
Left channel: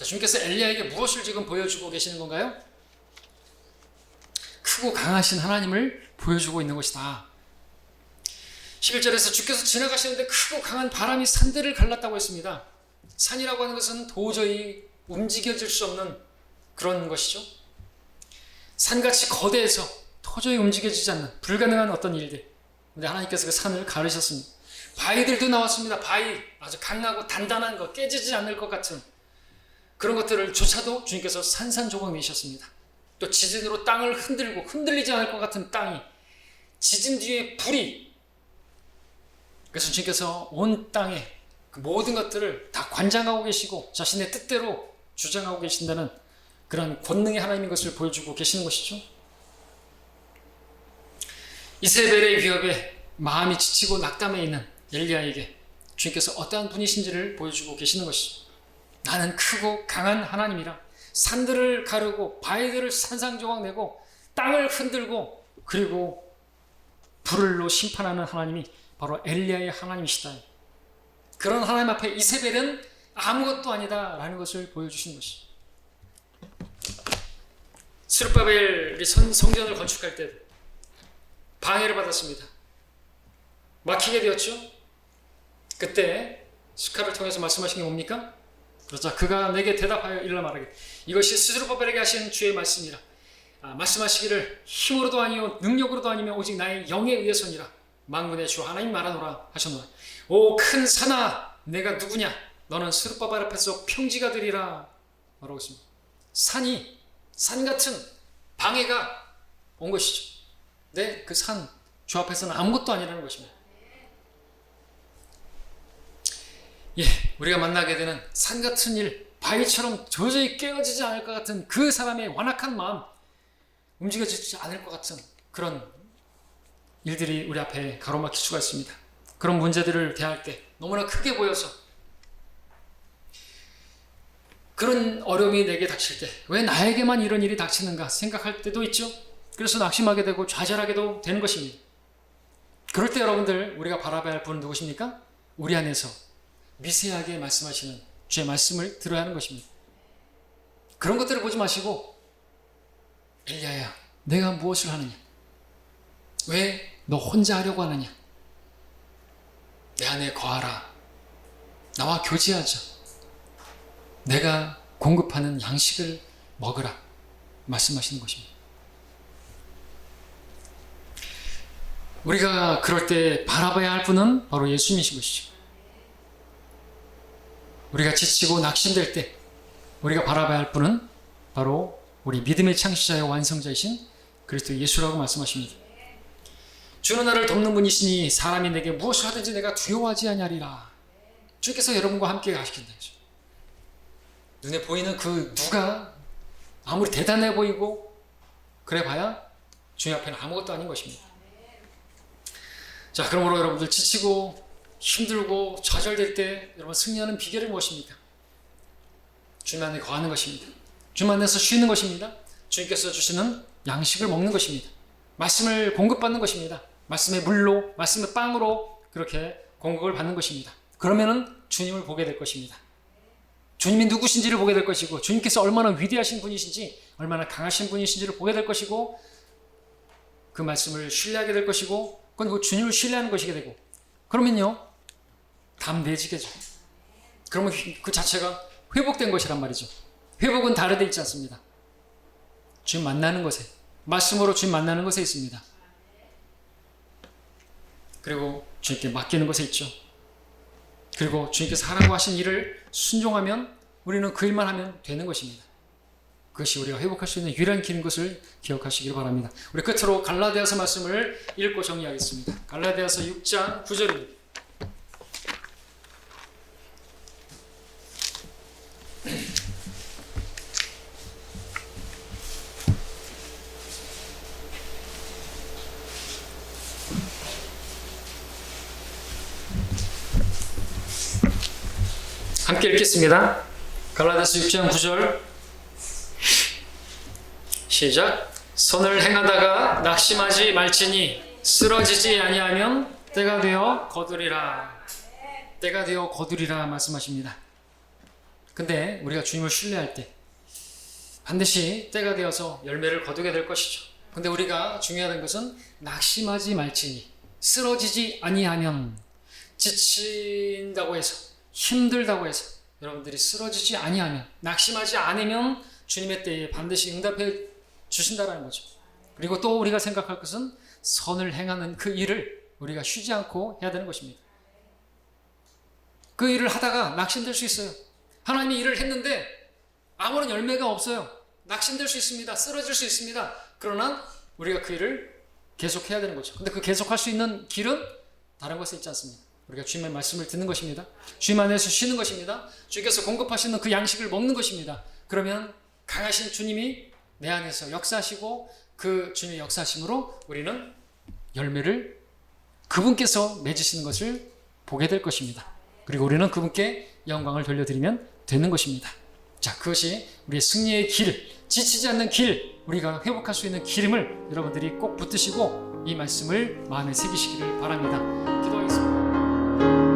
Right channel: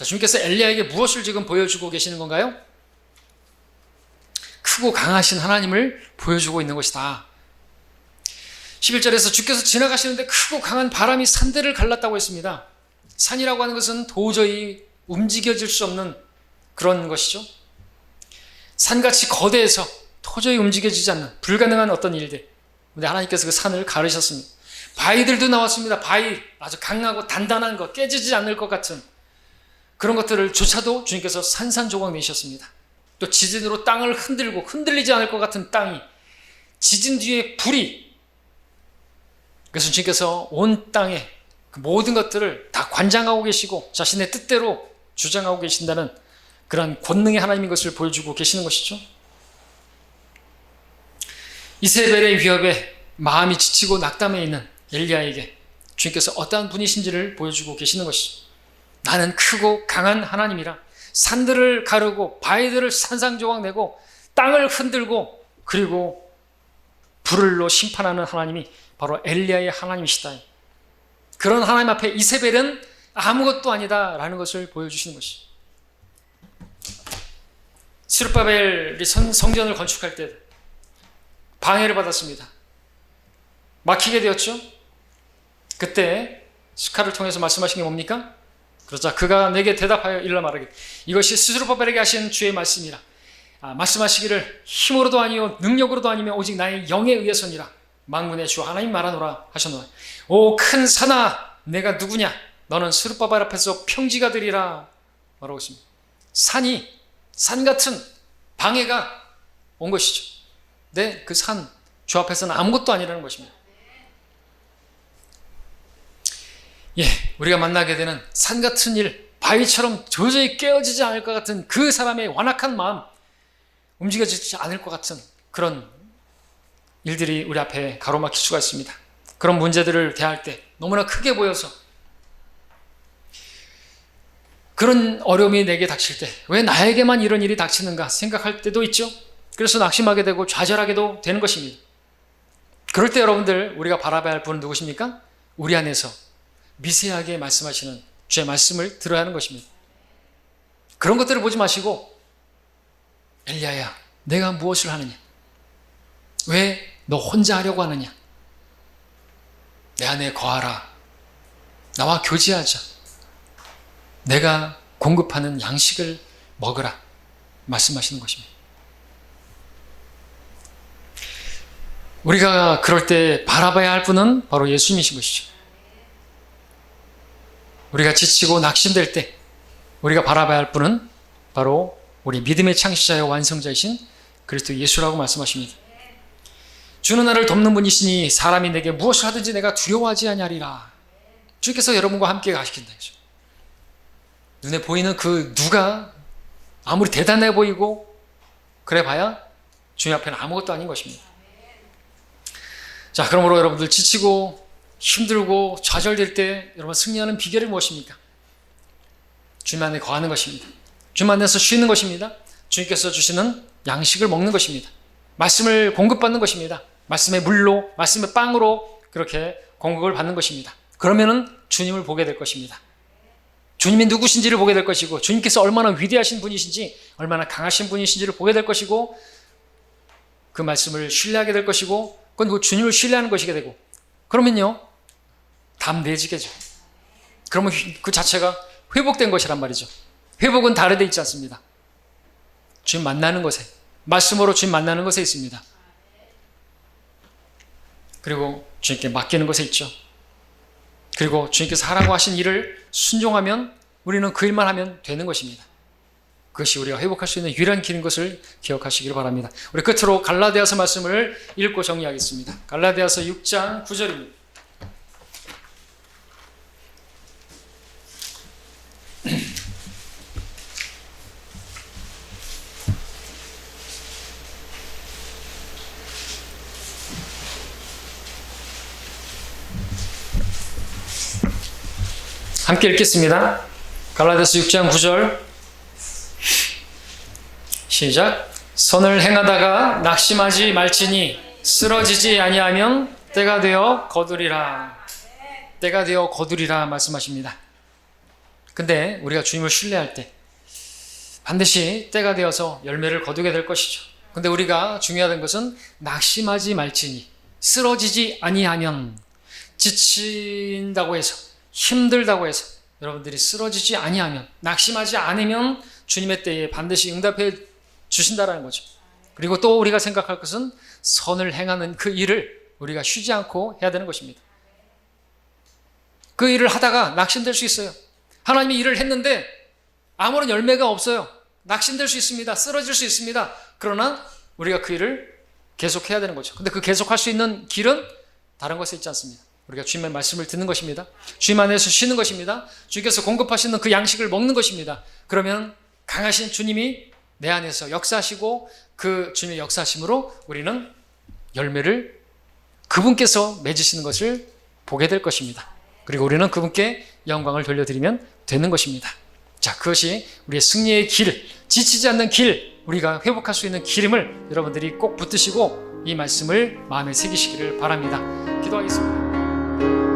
자, 주님께서 엘리야에게 무엇을 지금 보여주고 계시는 건가요? 크고 강하신 하나님을 보여주고 있는 것이다. 11절에서 주께서 지나가시는데 크고 강한 바람이 산들을 갈랐다고 했습니다. 산이라고 하는 것은 도저히 움직여질 수 없는 그런 것이죠. 산같이 거대해서 도저히 움직여지지 않는 불가능한 어떤 일들. 근데 하나님께서 그 산을 가르셨습니다. 바위들도 나왔습니다. 바위, 아주 강하고 단단한 것, 깨지지 않을 것 같은 그런 것들을 조차도 주님께서 산산조각 내셨습니다. 또 지진으로 땅을 흔들고 흔들리지 않을 것 같은 땅이, 지진 뒤에 불이, 그래서 주님께서 온 땅에 그 모든 것들을 다 관장하고 계시고 자신의 뜻대로 주장하고 계신다는 그런 권능의 하나님인 것을 보여주고 계시는 것이죠. 이세벨의 위협에 마음이 지치고 낙담해 있는 엘리야에게 주님께서 어떠한 분이신지를 보여주고 계시는 것이죠. 나는 크고 강한 하나님이라 산들을 가르고 바위들을 산산조각 내고 땅을 흔들고 그리고 불을로 심판하는 하나님이 바로 엘리야의 하나님이시다. 그런 하나님 앞에 이세벨은 아무것도 아니다라는 것을 보여주시는 것이죠. 스룹바벨이 성전을 건축할 때 방해를 받았습니다. 막히게 되었죠. 그때 스카를 통해서 말씀하신 게 뭡니까? 그러자 그가 내게 대답하여 일러 말하기를 이것이 스룹바벨에게 하신 주의 말씀이라. 말씀하시기를 힘으로도 아니요 능력으로도 아니며 오직 나의 영에 의해서니라. 만군의 주 하나님 말하노라 하셨노라. 오 큰 산아, 내가 누구냐? 너는 스룹바벨 앞에서 평지가 되리라 말하고 있습니다. 산 같은 방해가 온 것이죠. 네, 그 산, 주 앞에서는 아무것도 아니라는 것입니다. 예, 우리가 만나게 되는 산 같은 일, 바위처럼 도저히 깨어지지 않을 것 같은 그 사람의 완악한 마음, 움직여지지 않을 것 같은 그런 일들이 우리 앞에 가로막힐 수가 있습니다. 그런 문제들을 대할 때 너무나 크게 보여서 그런 어려움이 내게 닥칠 때 왜 나에게만 이런 일이 닥치는가 생각할 때도 있죠. 그래서 낙심하게 되고 좌절하게도 되는 것입니다. 그럴 때 여러분들 우리가 바라봐야 할 분은 누구십니까? 우리 안에서 미세하게 말씀하시는 주의 말씀을 들어야 하는 것입니다. 그런 것들을 보지 마시고 엘리야야, 내가 무엇을 하느냐? 왜 너 혼자 하려고 하느냐? 내 안에 거하라. 나와 교제하자. 내가 공급하는 양식을 먹으라. 말씀하시는 것입니다. 우리가 그럴 때 바라봐야 할 분은 바로 예수님이신 것이죠. 우리가 지치고 낙심될 때 우리가 바라봐야 할 분은 바로 우리 믿음의 창시자여 완성자이신 그리스도 예수라고 말씀하십니다. 주는 나를 돕는 분이시니 사람이 내게 무엇을 하든지 내가 두려워하지 아니하리라. 주께서 여러분과 함께 가시킨다. 눈에 보이는 그 누가 아무리 대단해 보이고 그래 봐야 주님 앞에는 아무것도 아닌 것입니다. 자, 그러므로 여러분들 지치고 힘들고 좌절될 때 여러분 승리하는 비결이 무엇입니까? 주님 안에 거하는 것입니다. 주님 안에서 쉬는 것입니다. 주님께서 주시는 양식을 먹는 것입니다. 말씀을 공급받는 것입니다. 말씀의 물로, 말씀의 빵으로 그렇게 공급을 받는 것입니다. 그러면은 주님을 보게 될 것입니다. 주님이 누구신지를 보게 될 것이고 주님께서 얼마나 위대하신 분이신지 얼마나 강하신 분이신지를 보게 될 것이고 그 말씀을 신뢰하게 될 것이고 그건 그 주님을 신뢰하는 것이게 되고 그러면요 담대해지겠죠. 그러면 그 자체가 회복된 것이란 말이죠. 회복은 다른 데 있지 않습니다. 주님 만나는 것에 말씀으로 주님 만나는 것에 있습니다. 그리고 주님께 맡기는 것에 있죠. 그리고 주님께서 하라고 하신 일을 순종하면 우리는 그 일만 하면 되는 것입니다. 그것이 우리가 회복할 수 있는 유일한 길인 것을 기억하시길 바랍니다. 우리 끝으로 갈라디아서 말씀을 읽고 정리하겠습니다. 갈라디아서 6장 9절입니다. 함께 읽겠습니다. 갈라디아서 6장 9절 시작. 선을 행하다가 낙심하지 말지니 쓰러지지 아니하면 때가 되어 거두리라. 때가 되어 거두리라 말씀하십니다. 근데 우리가 주님을 신뢰할 때 반드시 때가 되어서 열매를 거두게 될 것이죠. 근데 우리가 중요한 것은 낙심하지 말지니, 쓰러지지 아니하면, 지친다고 해서, 힘들다고 해서 여러분들이 쓰러지지 아니하면, 낙심하지 않으면 주님의 때에 반드시 응답해 주신다라는 거죠. 그리고 또 우리가 생각할 것은 선을 행하는 그 일을 우리가 쉬지 않고 해야 되는 것입니다. 그 일을 하다가 낙심될 수 있어요. 하나님이 일을 했는데 아무런 열매가 없어요. 낙심될 수 있습니다. 쓰러질 수 있습니다. 그러나 우리가 그 일을 계속해야 되는 거죠. 근데 그 계속할 수 있는 길은 다른 것에 있지 않습니다. 우리가 주님의 말씀을 듣는 것입니다. 주님 안에서 쉬는 것입니다. 주님께서 공급하시는 그 양식을 먹는 것입니다. 그러면 강하신 주님이 내 안에서 역사하시고 그 주님의 역사하심으로 우리는 열매를 그분께서 맺으시는 것을 보게 될 것입니다. 그리고 우리는 그분께 영광을 돌려드리면 되는 것입니다. 자, 그것이 우리의 승리의 길, 지치지 않는 길, 우리가 회복할 수 있는 길임을 여러분들이 꼭 붙드시고 이 말씀을 마음에 새기시기를 바랍니다. 기도하겠습니다.